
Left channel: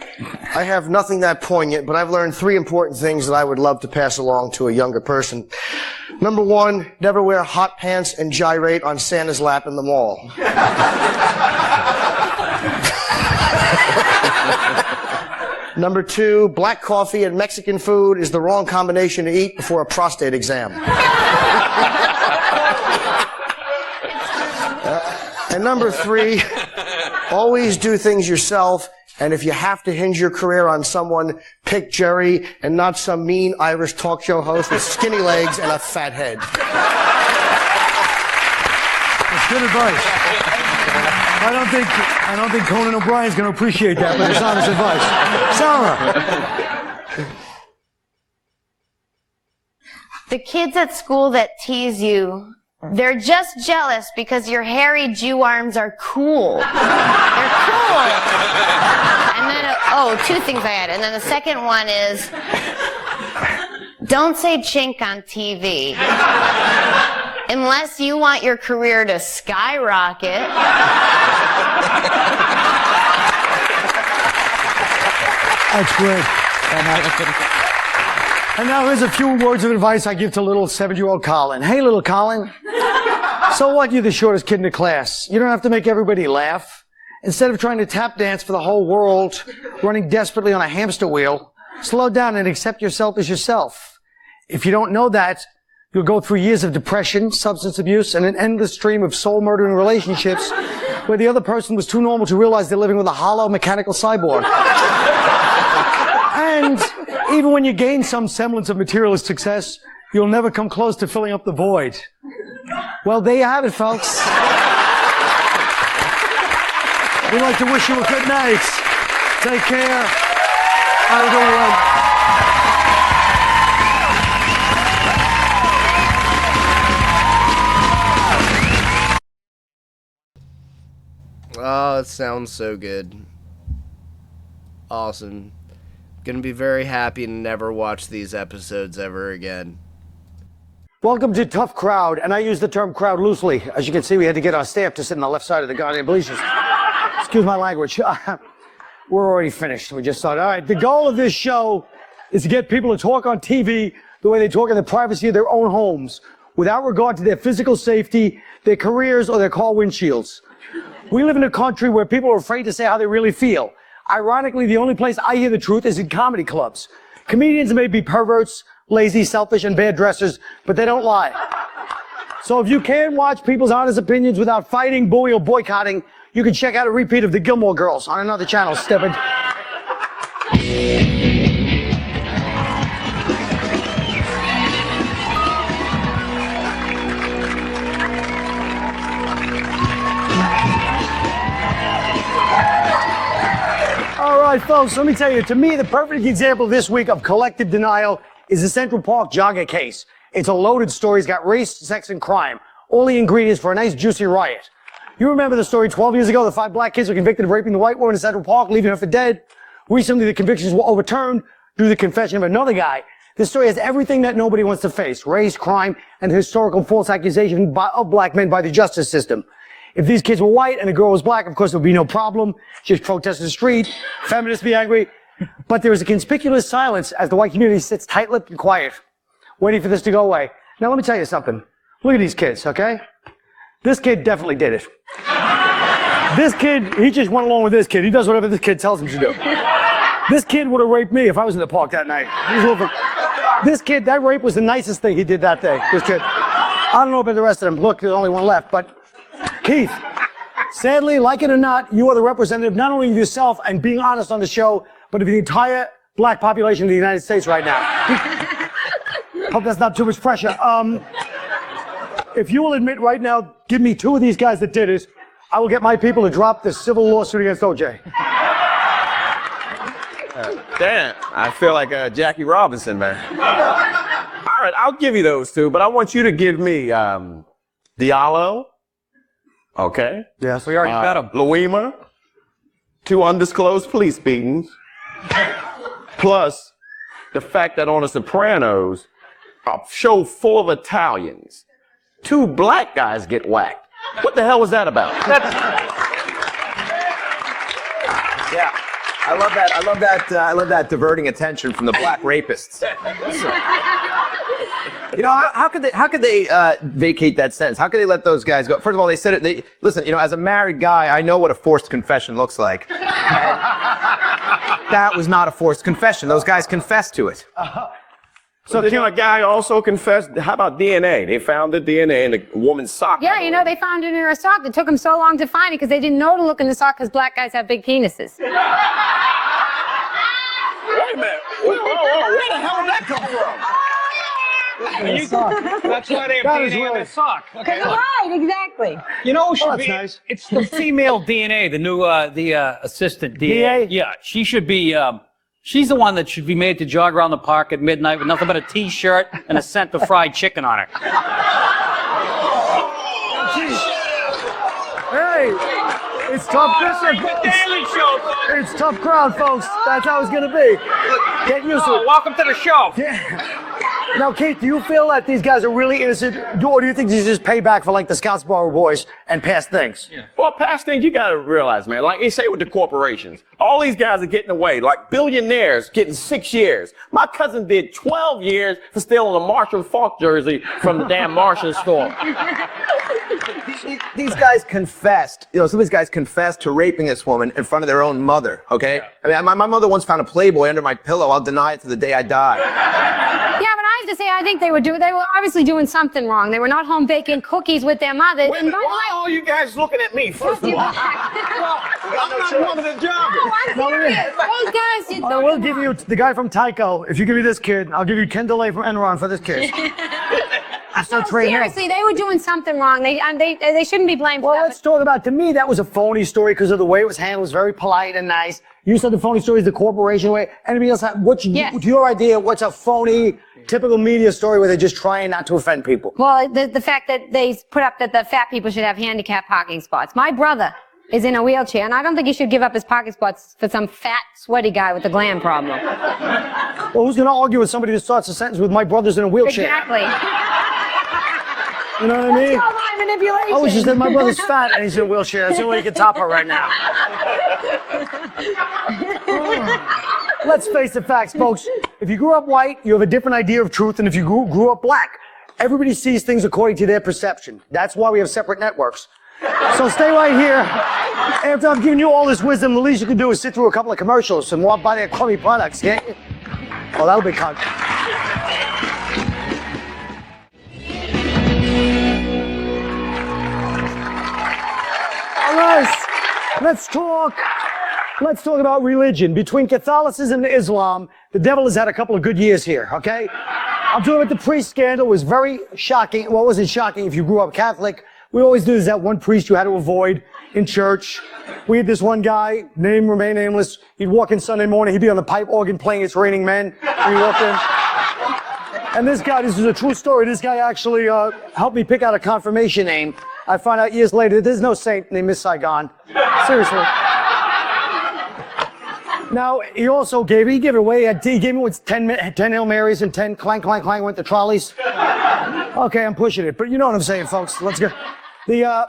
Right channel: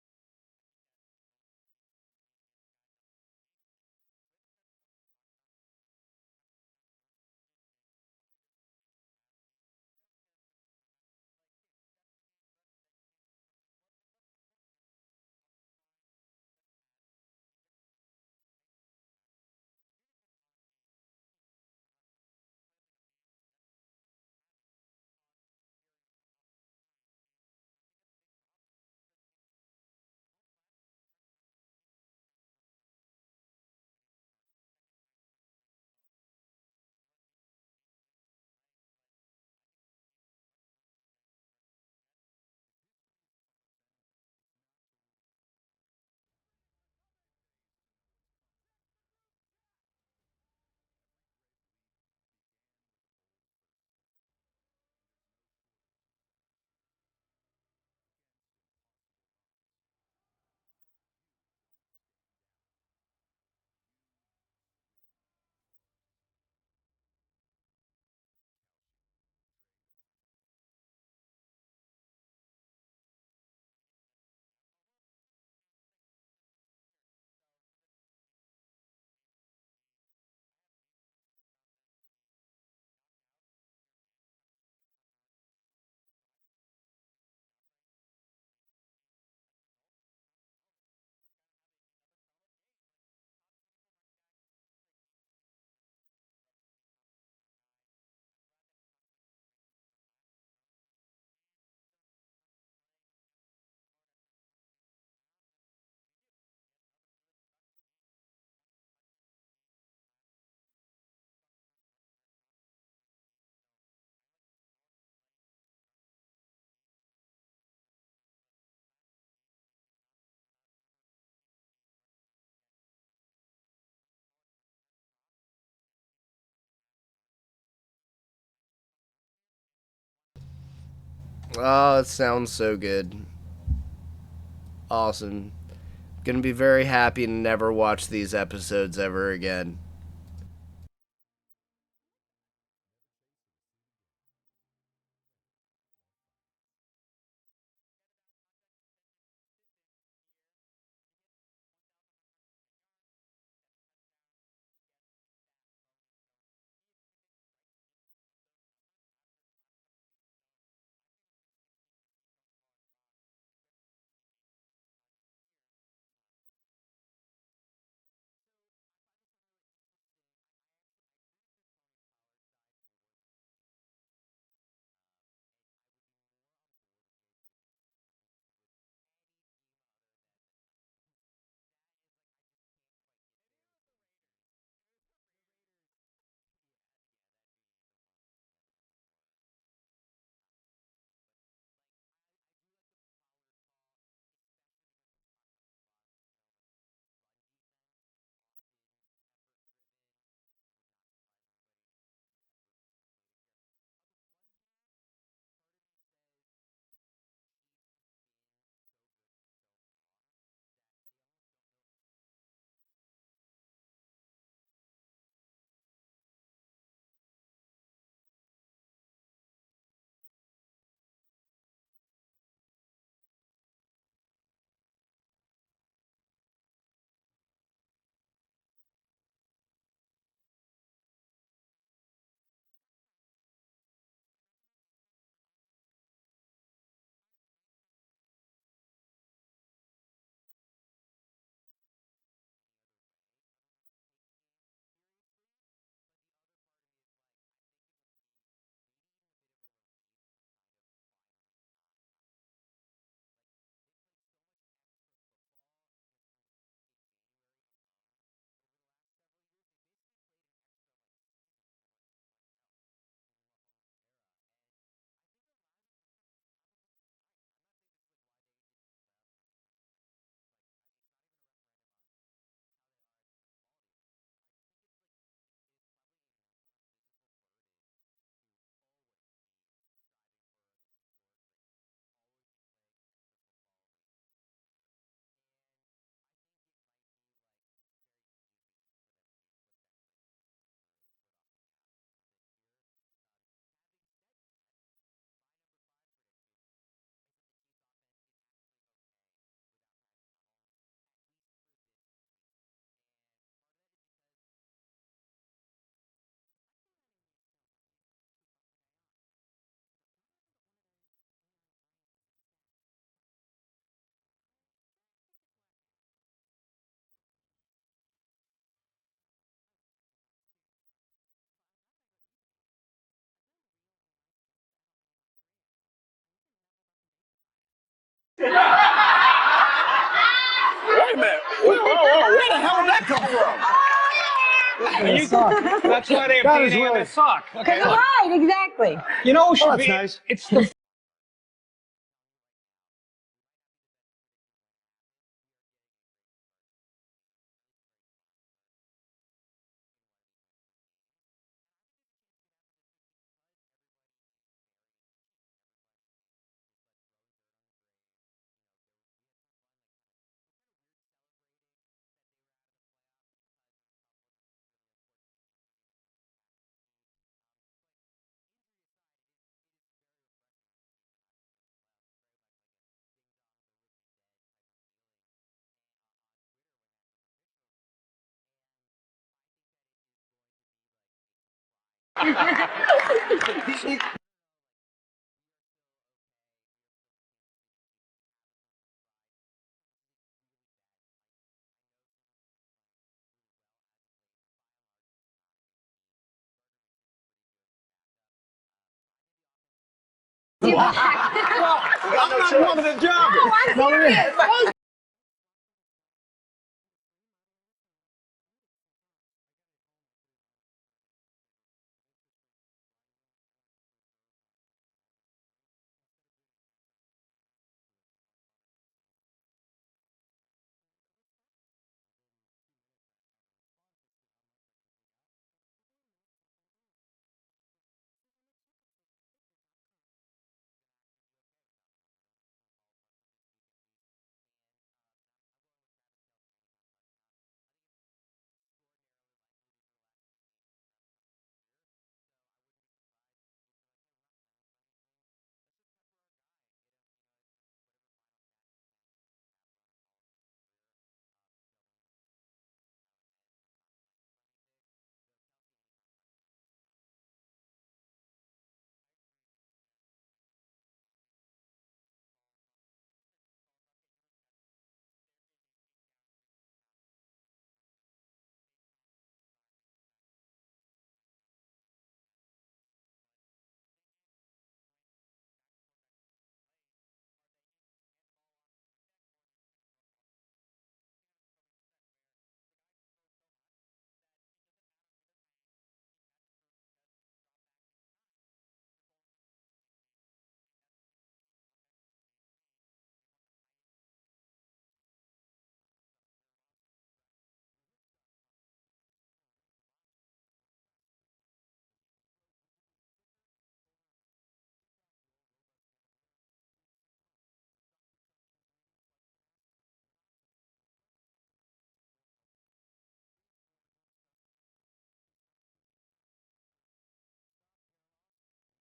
I have nothing that poignant, but I've learned 3 important things that I would love to pass along to a younger person. Number 1, never wear hot pants and gyrate on Santa's lap in the mall. Number 2, black coffee and Mexican food is the wrong combination to eat before a prostate exam. And number 3, always do things yourself, and if you have to hinge your career on someone, pick Jerry and not some mean Irish talk show host with skinny legs and a fat head. That's good advice. I don't think Conan O'Brien's going to appreciate that, but it's honest advice. Sarah. The kids at school that tease you, they're just jealous because your hairy Jew arms are cool. They're cool. And then, 2 things I had. And then the second one is, don't say chink on TV. Unless you want your career to skyrocket. That's great. And now here's a few words of advice I give to little 7-year-old Colin. Hey, little Colin. So what? You're the shortest kid in the class. You don't have to make everybody laugh. Instead of trying to tap dance for the whole world, running desperately on a hamster wheel, slow down and accept yourself as yourself. If you don't know that, you'll go through years of depression, substance abuse, and an endless stream of soul-murdering relationships where the other person was too normal to realize they're living with a hollow mechanical cyborg. And even when you gain some semblance of materialist success, you'll never come close to filling up the void. Well, there you have it, folks. We'd like to wish you a good night. Take care. Have a good one. Oh, it sounds so good. Awesome. Gonna be very happy to never watch these episodes ever again. Welcome to Tough Crowd, and I use the term crowd loosely. As you can see, we had to get our staff to sit on the left side of the goddamn bleachers. Excuse my language. We're already finished. We just started. All right, the goal of this show is to get people to talk on TV the way they talk in the privacy of their own homes. without regard to their physical safety, their careers, or their car windshields. We live in a country where people are afraid to say how they really feel. Ironically, the only place I hear the truth is in comedy clubs. Comedians may be perverts, lazy, selfish, and bad dressers, but they don't lie. So if you can't watch people's honest opinions without fighting, bullying, or boycotting, you can check out a repeat of the Gilmore Girls on another channel, stupid. All right, folks, let me tell you, to me, the perfect example this week of collective denial is the Central Park jogger case. It's a loaded story. It's got race, sex, and crime. All the ingredients for a nice, juicy riot. You remember the story 12 years ago, the 5 black kids were convicted of raping the white woman in Central Park, leaving her for dead. Recently, the convictions were overturned due to the confession of another guy. This story has everything that nobody wants to face: race, crime, and historical false accusation of black men by the justice system. If these kids were white and the girl was black, of course, there would be no problem. Just protest in the street, feminists be angry. But there is a conspicuous silence as the white community sits tight-lipped and quiet, waiting for this to go away. Now, let me tell you something. Look at these kids, okay? This kid definitely did it. This kid, he just went along with this kid. He does whatever this kid tells him to do. This kid would have raped me if I was in the park that night. This kid, that rape was the nicest thing he did that day. This kid. I don't know about the rest of them. Look, there's only one left, but Keith, sadly, like it or not, you are the representative not only of yourself and being honest on the show, but of the entire black population of the United States right now. Hope that's not too much pressure. If you will admit right now, give me 2 of these guys that did it, I will get my people to drop this civil lawsuit against OJ. Damn, I feel like Jackie Robinson, man. All right, I'll give you those 2, but I want you to give me Diallo. Okay. Yeah, so you already got him. Louima, 2 undisclosed police beatings, plus the fact that on The Sopranos, a show full of Italians, 2 black guys get whacked. What the hell was that about? Yeah, I love that. I love that diverting attention from the black rapists. You know, how could they vacate that sentence? How could they let those guys go? First of all, they said it. Listen, you know, as a married guy, I know what a forced confession looks like. That was not a forced confession. Those guys confessed to it. So can a guy also confess? How about DNA? They found the DNA in the woman's sock. Yeah, you know, they found it in her sock. It took them so long to find it because they didn't know to look in the sock because black guys have big penises. Wait a minute. Whoa, where the hell did that come from? That's why they have DNA in their sock. Okay, look. Right, exactly. You know who should be? Nice. It's the female DNA, the new assistant DA. Yeah, she should be. She's the one that should be made to jog around the park at midnight with nothing but a T-shirt and a scent of fried chicken on her. Hey, it's tough. It's tough crowd, folks. That's how it's gonna be. Get used to it. Welcome to the show. Yeah. Now, Keith, do you feel that these guys are really innocent, or do you think these just payback for like the Scottsboro boys and past things? Yeah. Well, past things you gotta realize, man. Like they say with the corporations, all these guys are getting away. Like billionaires getting 6 years. My cousin did 12 years for stealing a Marshall Falk jersey from the damn Marshall store. These guys confessed. You know, some of these guys confessed to raping this woman in front of their own mother. Okay. Yeah. I mean, my mother once found a Playboy under my pillow. I'll deny it to the day I die. Yeah, but I have to say, I think they were obviously doing something wrong. They were not home baking cookies with their mother. Wait, why are you guys looking at me? First I'm not one of the joggers. Those guys did. No, we'll give you the guy from Tyco. If you give me this kid, I'll give you Ken DeLay from Enron for this kid. No, seriously, they were doing something wrong. They shouldn't be blamed for that. Well, let's talk about, to me, that was a phony story because of the way it was handled. It was very polite and nice. You said the phony story is the corporation way. Anybody else, what's your idea? What's a phony, typical media story where they're just trying not to offend people? Well, the fact that they put up that the fat people should have handicap parking spots. My brother is in a wheelchair, and I don't think he should give up his parking spots for some fat, sweaty guy with a gland problem. Well, who's going to argue with somebody that starts a sentence with "my brother's in a wheelchair"? Exactly. You know what I mean? That's all my manipulation. Oh, she said my brother's fat and he's in a wheelchair. That's the only way you can top her right now. Let's face the facts, folks. If you grew up white, you have a different idea of truth than if you grew up black. Everybody sees things according to their perception. That's why we have separate networks. So stay right here. After I've given you all this wisdom, the least you can do is sit through a couple of commercials and buy their crummy products. Yeah? Oh, that'll be fun. All right, let's talk about religion. Between Catholicism and Islam, the devil has had a couple of good years here, okay? I'm talking about the priest scandal. It was very shocking. Well, it wasn't shocking if you grew up Catholic. We always knew there's that one priest you had to avoid in church. We had this one guy, name remain nameless. He'd walk in Sunday morning. He'd be on the pipe organ playing It's Raining Men. And he walked in. And this guy, this is a true story. This guy actually helped me pick out a confirmation name. I found out years later there's no saint named Miss Saigon. Seriously. Now, he also gave it away. He gave me 10 Hail Marys and 10 clank, clank, clank went to trolleys. Okay, I'm pushing it, but you know what I'm saying, folks. Let's go. Now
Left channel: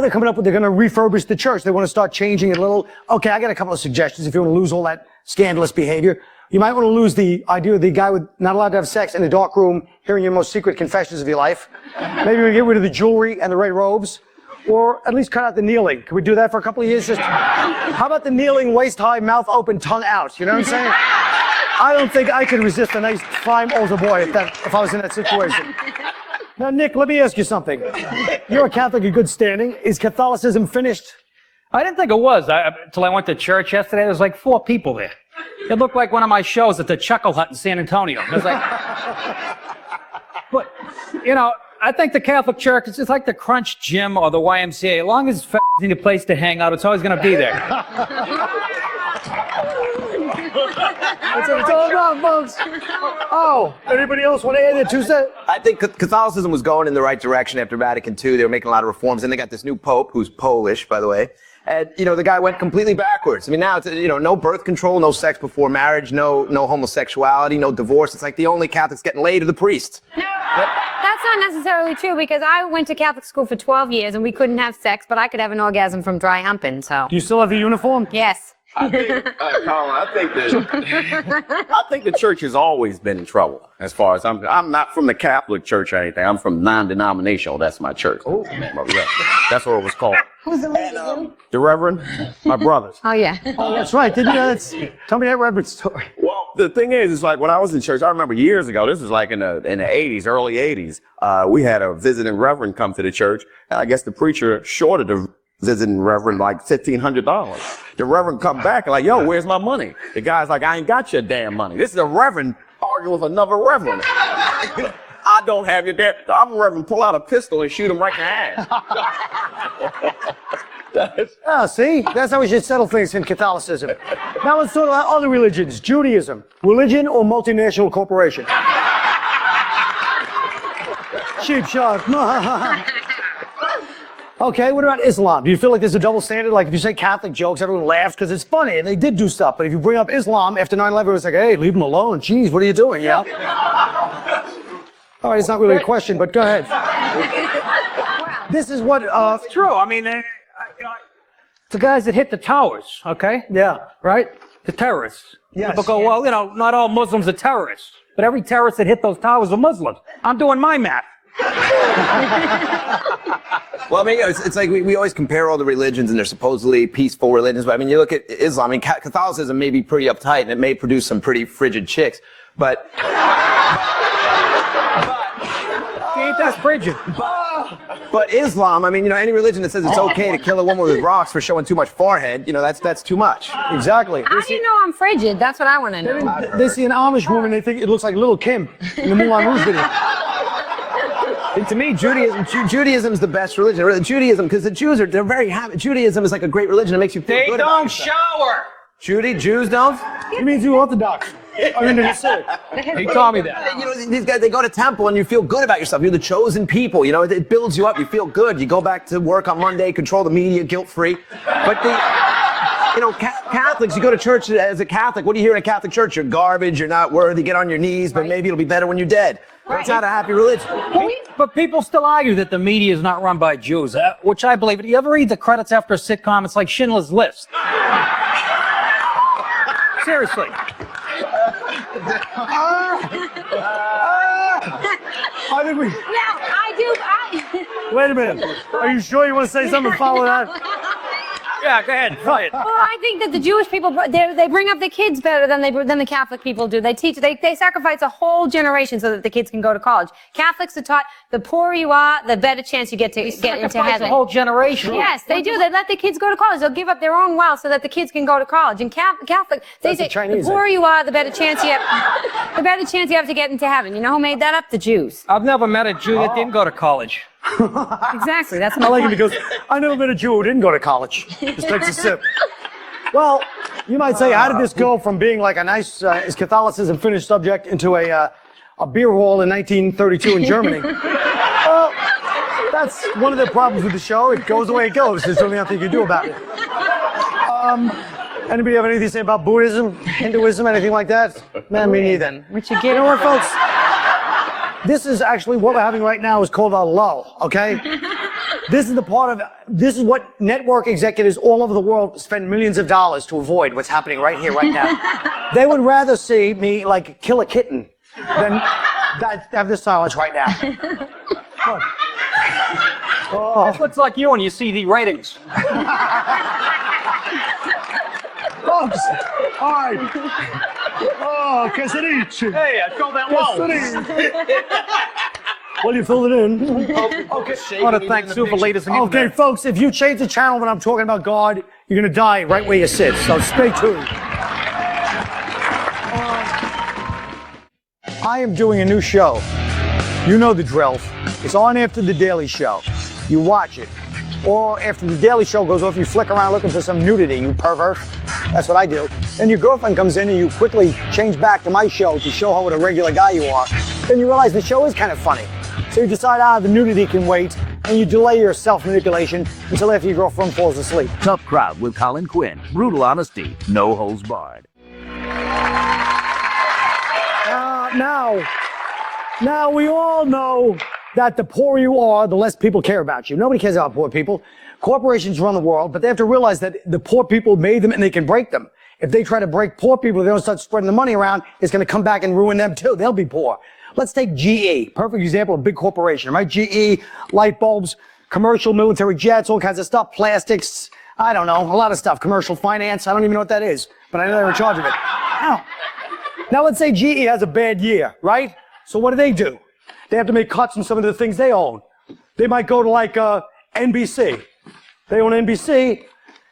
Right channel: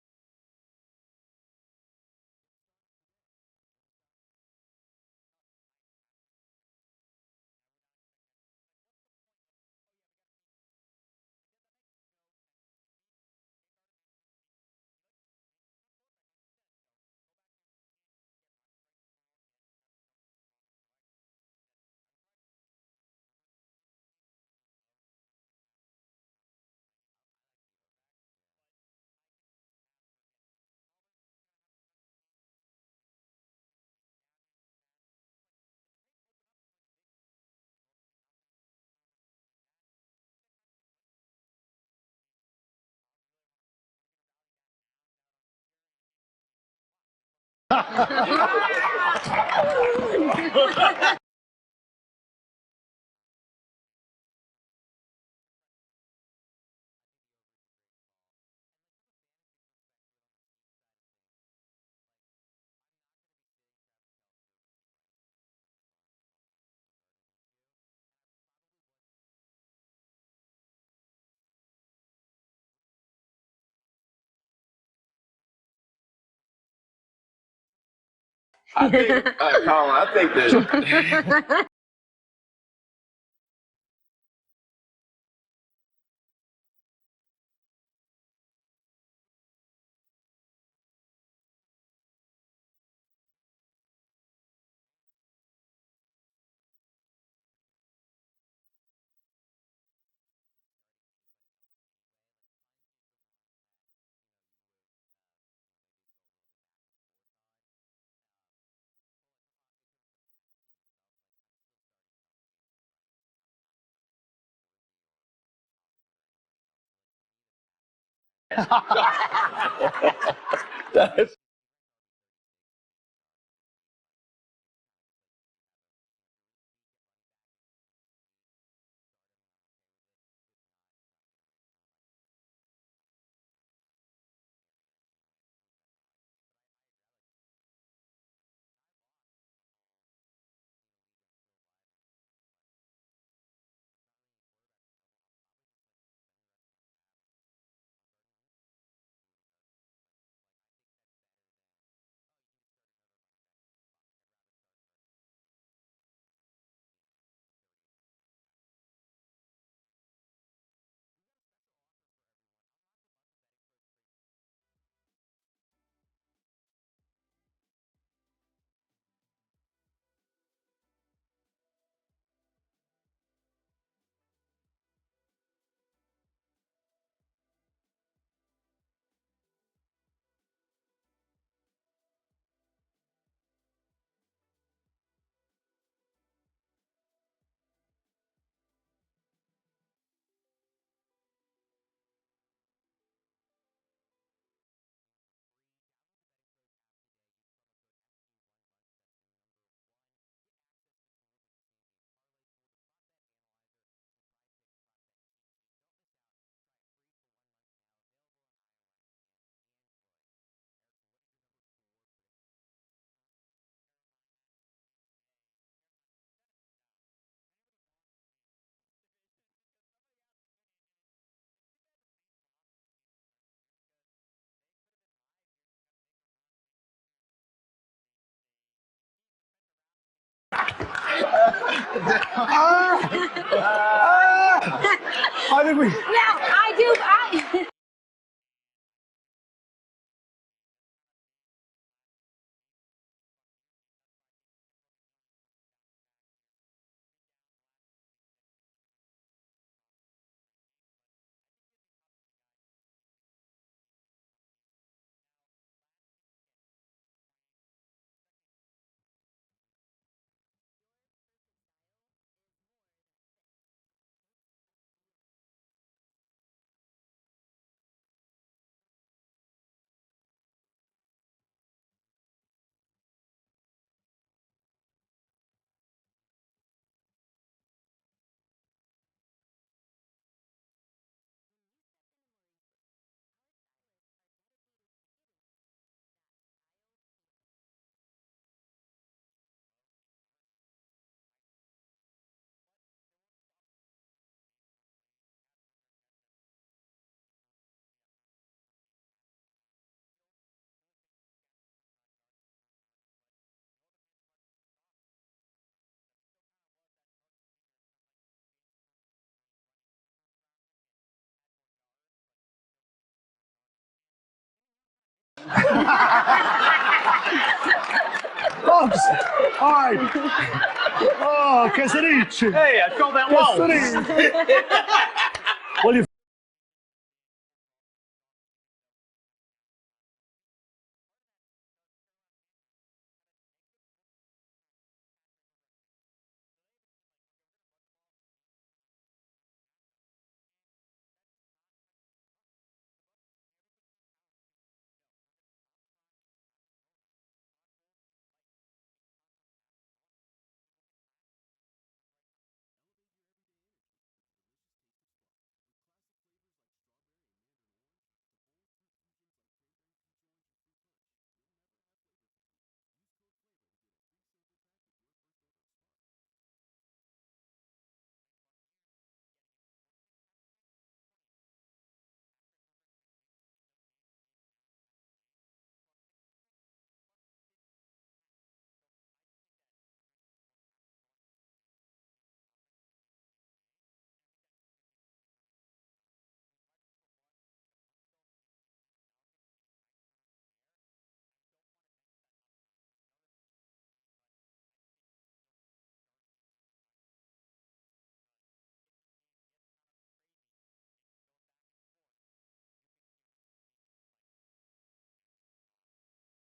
they're coming up with, they're going to refurbish the church. They want to start changing it a little. Okay, I got a couple of suggestions if you want to lose all that scandalous behavior. You might want to lose the idea of the guy with not allowed to have sex in a dark room, hearing your most secret confessions of your life. Maybe we get rid of the jewelry and the red robes. Or at least cut out the kneeling. Can we do that for a couple of years? How about the kneeling, waist high, mouth open, tongue out? You know what I'm saying? I don't think I could resist a nice, fine older boy if I was in that situation. Now, Nick, let me ask you something. You're a Catholic in good standing. Is Catholicism finished? I didn't think it was until I went to church yesterday. There was like 4 people there. It looked like one of my shows at the Chuckle Hut in San Antonio. It was like, but, you know, I think the Catholic Church is just like the Crunch Gym or the YMCA. As long as it's need a place to hang out, it's always going to be there. That's what it's all about, folks. Oh, anybody else want to add their 2 cents? I think Catholicism was going in the right direction after Vatican II. They were making a lot of reforms. And they got this new pope, who's Polish, by the way. And, you know, the guy went completely backwards. I mean, now it's, you know, no birth control, no sex before marriage, no homosexuality, no divorce. It's like the only Catholics getting laid are the priests. No, that's not necessarily true because I went to Catholic school for 12 years and we couldn't have sex, but I could have an orgasm from dry humping, so. Do you still have the uniform? Yes. I think, Colin, I think the church has always been in trouble. As far as I'm not from the Catholic Church or anything. I'm from non-denominational. That's my church. Oh, that's what it was called. Who's the leader? The Reverend, my brothers. Oh yeah. Oh, that's right. Didn't you? Tell me that Reverend story. Well, the thing is like when I was in church, I remember years ago. This was like in the 80s, early 80s. We had a visiting Reverend come to the church, and I guess the preacher shorted the visiting Reverend like $1,500. The Reverend come back and like, yo, where's my money? The guy's like, I ain't got your damn money. This is a Reverend arguing with another Reverend. I don't have your damn. I'm a Reverend. Pull out a pistol and shoot him right in the ass. Oh, see? That's how we should settle things in Catholicism. Now let's talk about other religions. Judaism. Religion or multinational corporation? Cheap shot. Okay, what about Islam? Do you feel like there's a double standard? Like if you say Catholic jokes, everyone laughs because it's funny and they did do stuff. But if you bring up Islam after 9/11, it's like, hey, leave them alone. Jeez, what are you doing? Yeah. All right, it's not really a question, but go ahead. This is what. It's true. I mean, the guys that hit the towers, okay? Yeah. Right? The terrorists. Yes. People go, well, you know, not all Muslims are terrorists, but every terrorist that hit those towers are Muslims. I'm doing my math. Well, I mean, it's like we always compare all the religions and they're supposedly peaceful religions, but I mean, you look at Islam, I mean, Catholicism may be pretty uptight and it may produce some pretty frigid chicks, but... Ain't that frigid? But Islam, I mean, you know, any religion that says it's okay to kill a woman with rocks for showing too much forehead, you know, that's too much. Exactly. How do you know I'm frigid? That's what I want to know. They see an Amish woman, they think it looks like Little Kim in the Moulin Rouge video. And to me, Judaism is the best religion. Judaism, because the Jews they're very happy. Judaism is like a great religion. It makes you feel good about yourself. They don't shower. Jews don't? It means you Orthodox. I mean, they're sick. He told me that. You know, these guys, they go to temple and you feel good about yourself. You're the chosen people. You know, it builds you up. You feel good. You go back to work on Monday, control the media, guilt-free. But you know, Catholics, you go to church as a Catholic. What do you hear in a Catholic church? You're garbage. You're not worthy. Get on your knees, but maybe it'll be better when you're dead. It's not a happy religion. But people still argue that the media is not run by Jews, which I believe. Do you ever read the credits after a sitcom? It's like Schindler's List. Seriously. I think we. Now, I Wait a minute. Are you sure you want to say something? Follow that. Yeah, go ahead. Try it. Well, I think that the Jewish people, they bring up the kids better than the Catholic people do. They sacrifice a whole generation so that the kids can go to college. Catholics are taught the poorer you are, the better chance you get to get into heaven. A whole generation. Yes, they do. They let the kids go to college. They'll give up their own wealth so that the kids can go to college. And Catholic, they say the poorer you are, the better chance you have. The better chance you have to get into heaven. You know who made that up? The Jews. I've never met a Jew that didn't go to college. Exactly. That's I like it because I never met a Jew who didn't go to college. Just takes a sip. Well, you might say, how did this go from being like a nice, is Catholicism finished subject into a beer hall in 1932 in Germany? Well, that's one of the problems with the show. It goes the way it goes. There's really nothing you can do about it. Anybody have anything to say about Buddhism, Hinduism, anything like that? Man, me neither. You know what, folks? This is actually what we're having right now is called a lull, okay? This is what network executives all over the world spend millions of dollars to avoid what's happening right here, right now. They would rather see me, like, kill a kitten than have this silence right now. Oh. This looks like you when you see the ratings. Folks, all right. Oh, che si dice? Hey, I filled that wall. Well, you filled it in. Okay. I want to thank Sue for latest and Okay, folks, if you change the channel when I'm talking about God, you're going to die right where you sit. So stay tuned. I am doing a new show. You know the drill. It's on after The Daily Show. You watch it. Or after The Daily Show goes off, you flick around looking for some nudity, you pervert. That's what I do. Then your girlfriend comes in and you quickly change back to my show to show her what a regular guy you are. Then you realize the show is kind of funny. So you decide, the nudity can wait, and you delay your self-manipulation until after your girlfriend falls asleep. Tough Crowd with Colin Quinn. Brutal honesty, no holds barred. Now we all know that the poorer you are, the less people care about you. Nobody cares about poor people. Corporations run the world, but they have to realize that the poor people made them and they can break them. If they try to break poor people, they don't start spreading the money around, it's going to come back and ruin them too. They'll be poor. Let's take GE, perfect example of a big corporation, right? GE, light bulbs, commercial military jets, all kinds of stuff, plastics, I don't know, a lot of stuff, commercial finance, I don't even know what that is, but I know they're in charge of it. Now let's say GE has a bad year, right? So what do? They have to make cuts in some of the things they own. They might go to like NBC. They own NBC.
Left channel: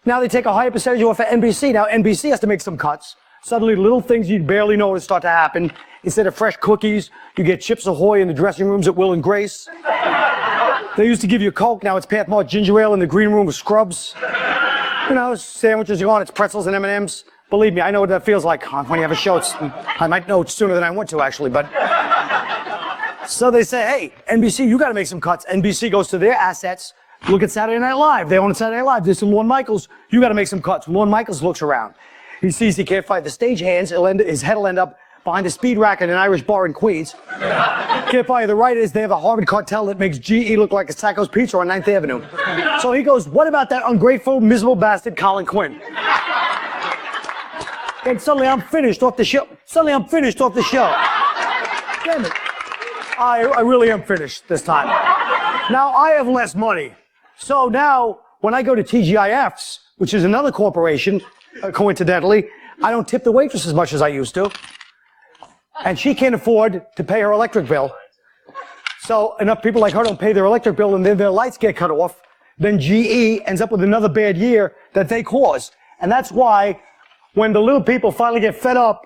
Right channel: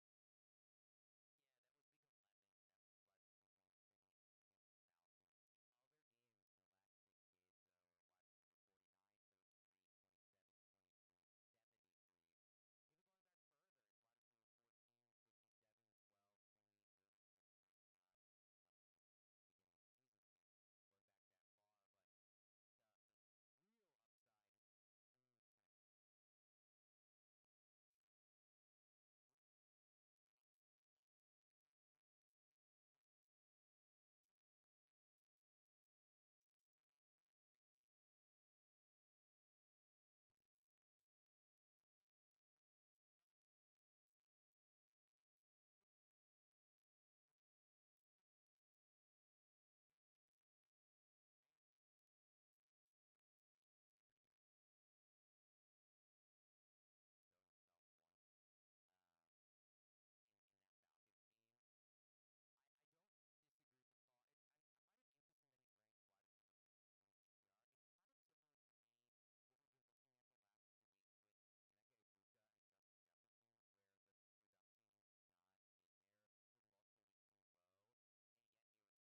Now they take a higher percentage off of NBC. Now NBC has to make some cuts. Suddenly little things you barely notice start to happen. Instead of fresh cookies, you get Chips Ahoy in the dressing rooms at Will and Grace. They used to give you Coke. Now it's Pathmark ginger ale in the green room with Scrubs. You know, sandwiches are on. It's pretzels and M&Ms. Believe me, I know what that feels like when you have a show. I might know it sooner than I want to, actually, but... So they say, hey, NBC, you got to make some cuts. NBC goes to their assets. Look at Saturday Night Live. They own Saturday Night Live. This is Lorne Michaels. You got to make some cuts. Lorne Michaels looks around. He sees he can't fight the stagehands. His head will end up behind a speed rack at an Irish bar in Queens. Can't fire the writers. They have a Harvard cartel that makes GE look like a Sacco's Pizza on 9th Avenue. So he goes, what about that ungrateful, miserable bastard Colin Quinn? And suddenly I'm finished off the show. Damn it. I really am finished this time. Now I have less money. So now when I go to TGIF's, which is another corporation, coincidentally, I don't tip the waitress as much as I used to. And she can't afford to pay her electric bill. So enough people like her don't pay their electric bill and then their lights get cut off. Then GE ends up with another bad year that they caused. And that's why when the little people finally get fed up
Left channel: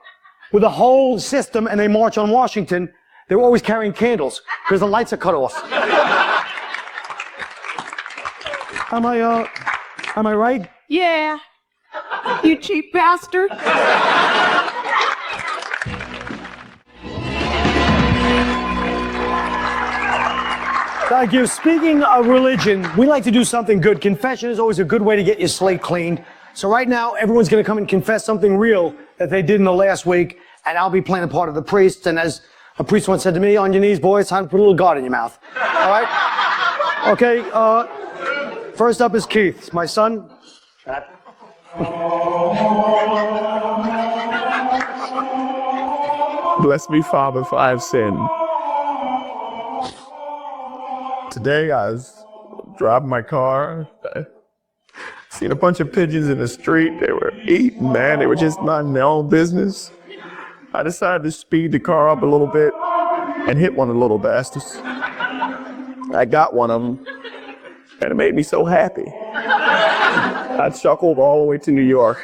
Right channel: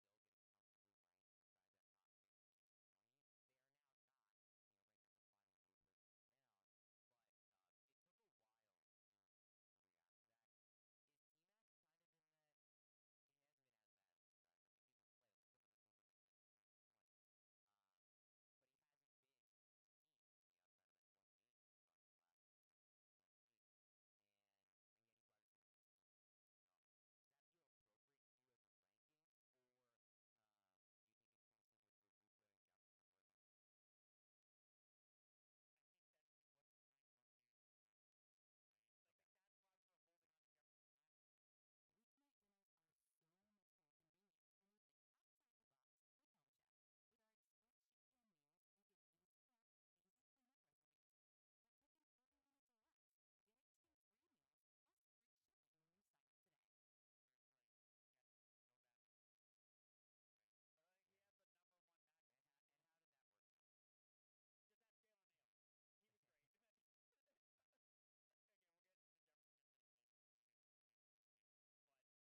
with the whole system and they march on Washington, they're always carrying candles because the lights are cut off. Am I right? Yeah. You cheap bastard. Thank you. Speaking of religion, we like to do something good. Confession is always a good way to get your slate cleaned. So right now, everyone's going to come and confess something real that they did in the last week, and I'll be playing the part of the priest. And as a priest once said to me, on your knees, boys, time to put a little God in your mouth. All right? Okay, first up is Keith, my son. Bless me, Father, for I have sinned. Today I was driving my car. I seen a bunch of pigeons in the street. They were eating, man. They were just minding their own business. I decided to speed the car up a little bit and hit one of the little bastards. I got one of them, and it made me so happy. I chuckled all the way to New York.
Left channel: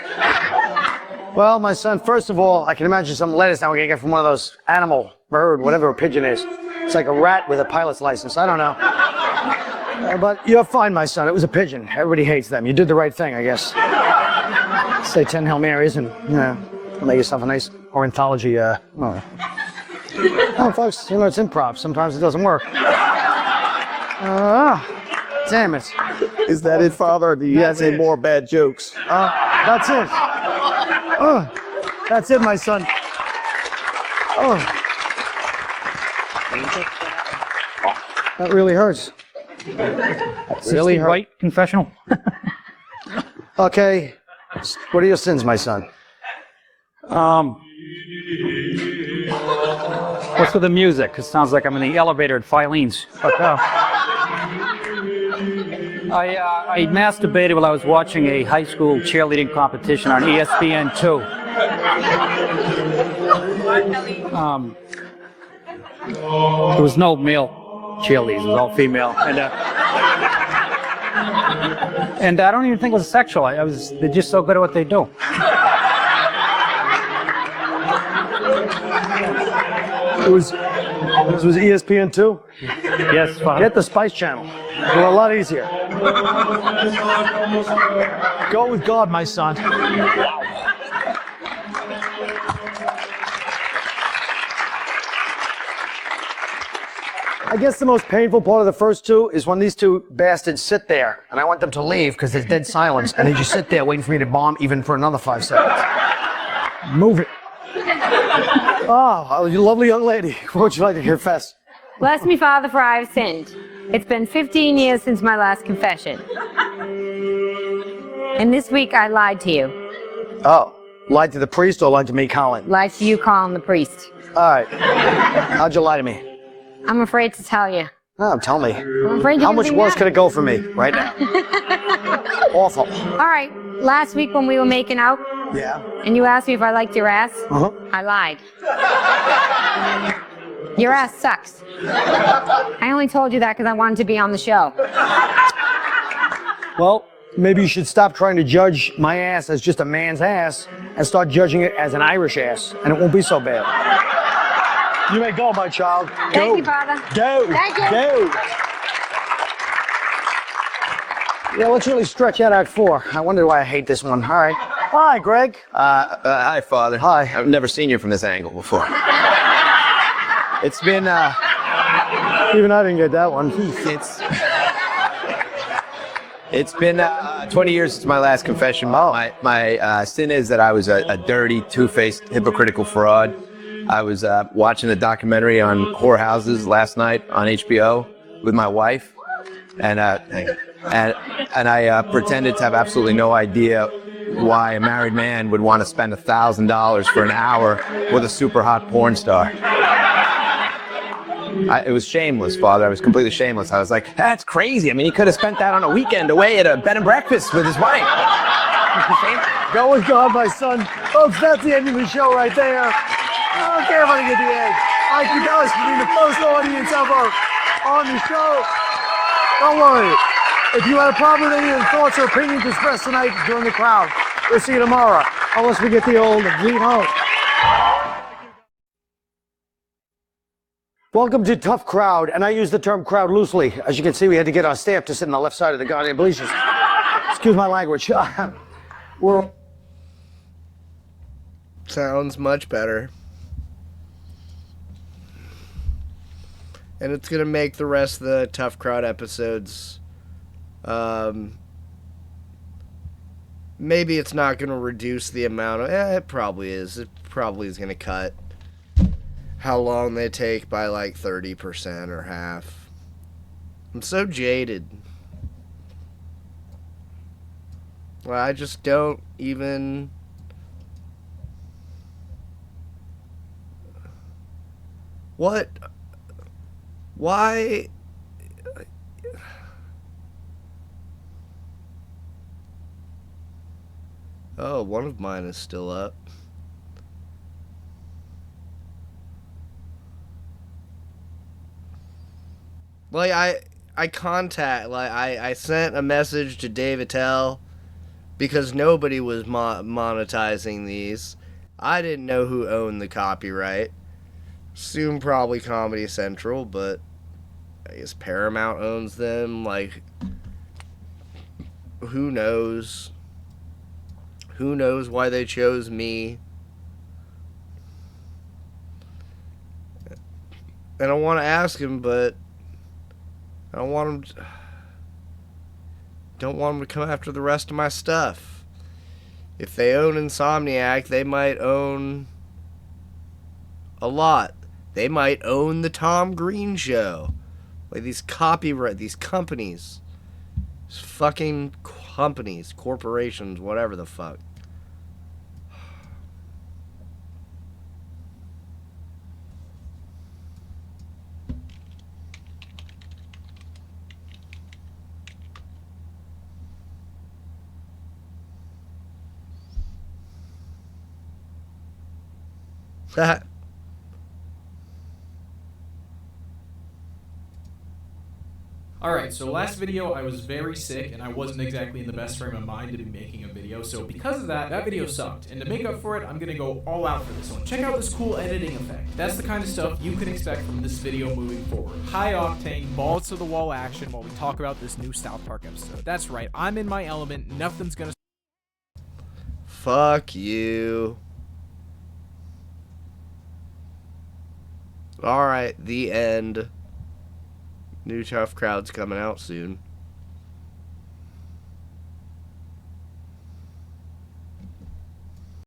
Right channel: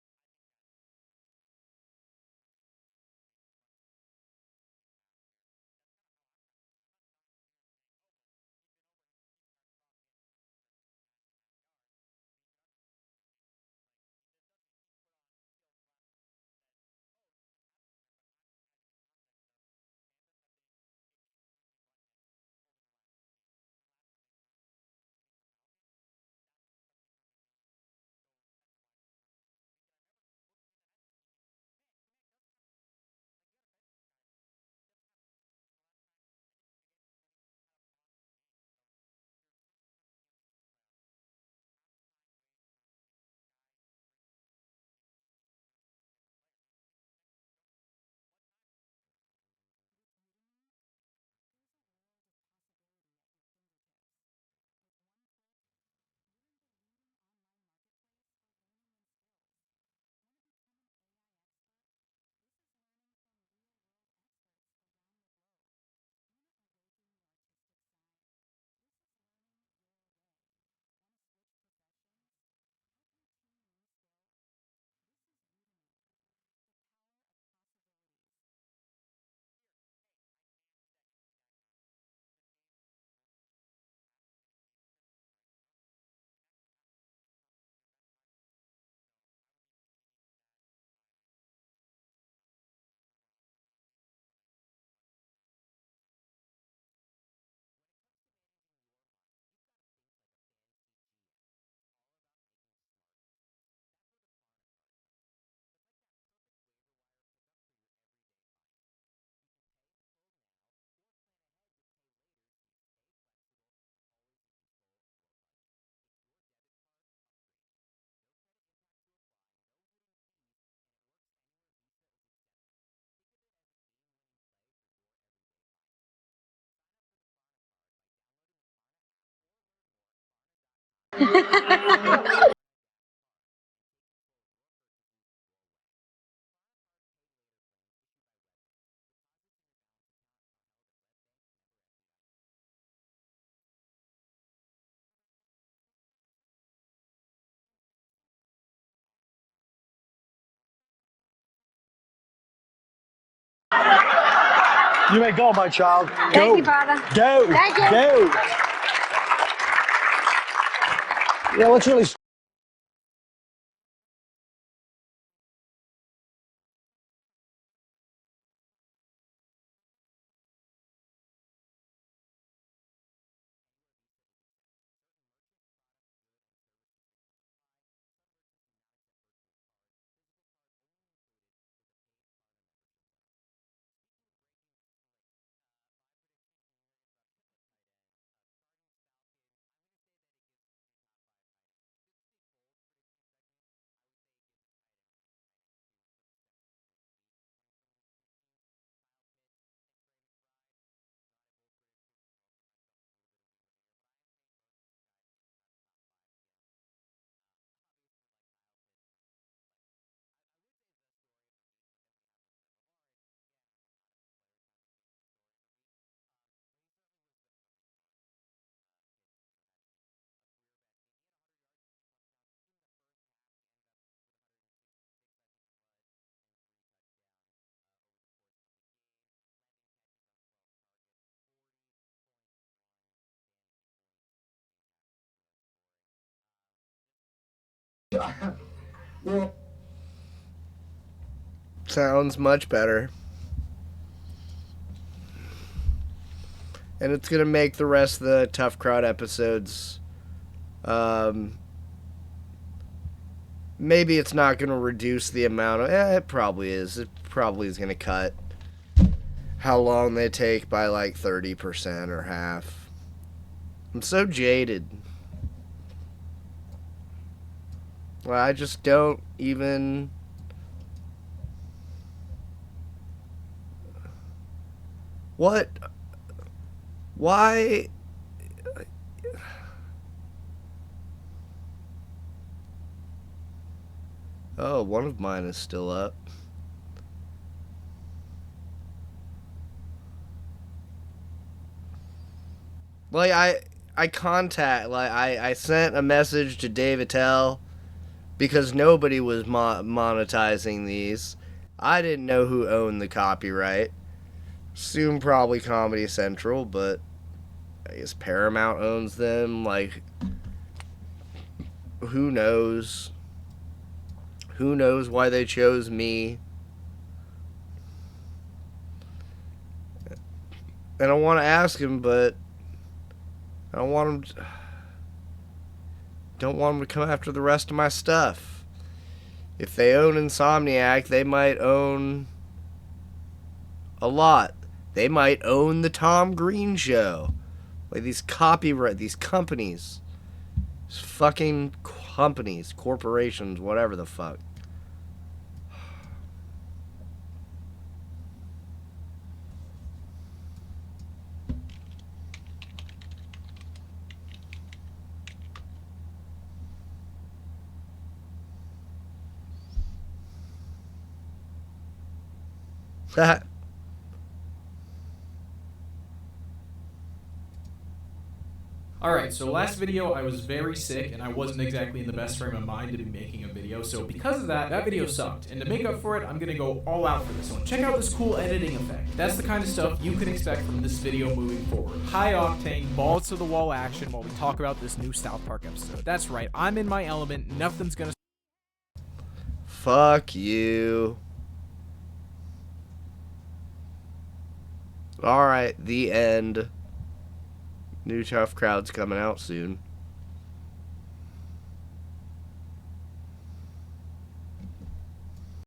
Well, my son, first of all, I can imagine some lettuce now we're gonna get from one of those animal, bird, whatever a pigeon is. It's like a rat with a pilot's license. I don't know. But you're fine, my son. It was a pigeon. Everybody hates them. You did the right thing, I guess. Say 10 Hail Marys and, make yourself a nice ornithology, oh, folks, it's improv. Sometimes it doesn't work. Damn it. Is that it, Father, or do you have any more bad jokes? That's it. That's it, my son. That really hurts. Really hurt. Right confessional. Okay. What are your sins, my son? What's with the music? It sounds like I'm in the elevator at Filene's. I masturbated while I was watching a high school cheerleading competition on ESPN2. There was no male cheerleaders, it was all female. And I don't even think it was sexual. They're just so good at what they do. This was ESPN2? Yes, Father. Get the Spice Channel. They're a lot easier. Go with God, my son. I guess the most painful part of the first two is when these two bastards sit there, and I want them to leave because there's dead silence, and they just sit there waiting for me to bomb even for another 5 seconds. Move it. Oh, you lovely young lady. What would you like to confess? Bless me, Father, for I have sinned. It's been 15 years since my last confession. And this week I lied to you. Oh, lied to the priest or lied to me, Colin? Lied to you, Colin the priest. All right. How'd you lie to me? I'm afraid to tell you. Oh, tell me. I'm afraid How much worse could it go for me right now? Awful. All right. Last week when we were making out, yeah, and you asked me if I liked your ass, I lied. Your ass sucks. I only told you that because I wanted to be on the show. Well, maybe you should stop trying to judge my ass as just a man's ass and start judging it as an Irish ass, and it won't be so bad. You may go, my child. Go. Thank you, Father. Go. Thank you. Go. Yeah, let's really stretch out Act 4. I wonder why I hate this one. All right. Hi, Greg. Hi, Father. Hi. I've never seen you from this angle before. It's been, Even I didn't get that one. It's been 20 years since my last confession. My sin is that I was a dirty, two-faced, hypocritical fraud. I was watching a documentary on whorehouses last night on HBO with my wife, and I pretended to have absolutely no idea why a married man would want to spend $1,000 for an hour with a super hot porn star. It was shameless, Father. I was completely shameless. I was like, that's crazy. I mean, he could have spent that on a weekend away at a bed and breakfast with his wife. Go with God, my son. Folks, that's the end of the show right there. I don't care if I get the end. I can tell us between the first audience ever on the show. Don't worry. If you had a problem with any of the thoughts or opinions expressed tonight during the crowd, we'll see you tomorrow. Unless we get the old lead home. Welcome to Tough Crowd, and I use the term crowd loosely. As you can see, we had to get our staff to sit on the left side of the goddamn bleachers. Excuse my language. Sounds much better. And it's going to make the rest of the Tough Crowd episodes, maybe it's not going to reduce the amount of, it probably is. It probably is going to cut how long they take by like 30% or half. I'm so jaded. Well, I just don't even... What? Why? Oh, one of mine is still up. Like, I sent a message to Dave Attell because nobody was monetizing these. I didn't know who owned the copyright. Assume probably Comedy Central, but I guess Paramount owns them. Like, who knows? Who knows why they chose me? And I want to ask him, but I don't want him to come after the rest of my stuff. If they own Insomniac, they might own a lot. They might own the Tom Green Show. Like, these companies. These fucking companies, corporations, whatever the fuck. That. Alright, so last video I was very sick and I wasn't exactly in the best frame of mind to be making a video, so because of that, that video sucked. And to make up for it, I'm gonna go all out for this one. Check out this cool editing effect. That's the kind of stuff you can expect from this video moving forward. High octane, balls to the wall action while we talk about this new South Park episode. That's right, I'm in my element, nothing's gonna... Fuck you. Alright, the end. New Tough Crowd's coming out soon.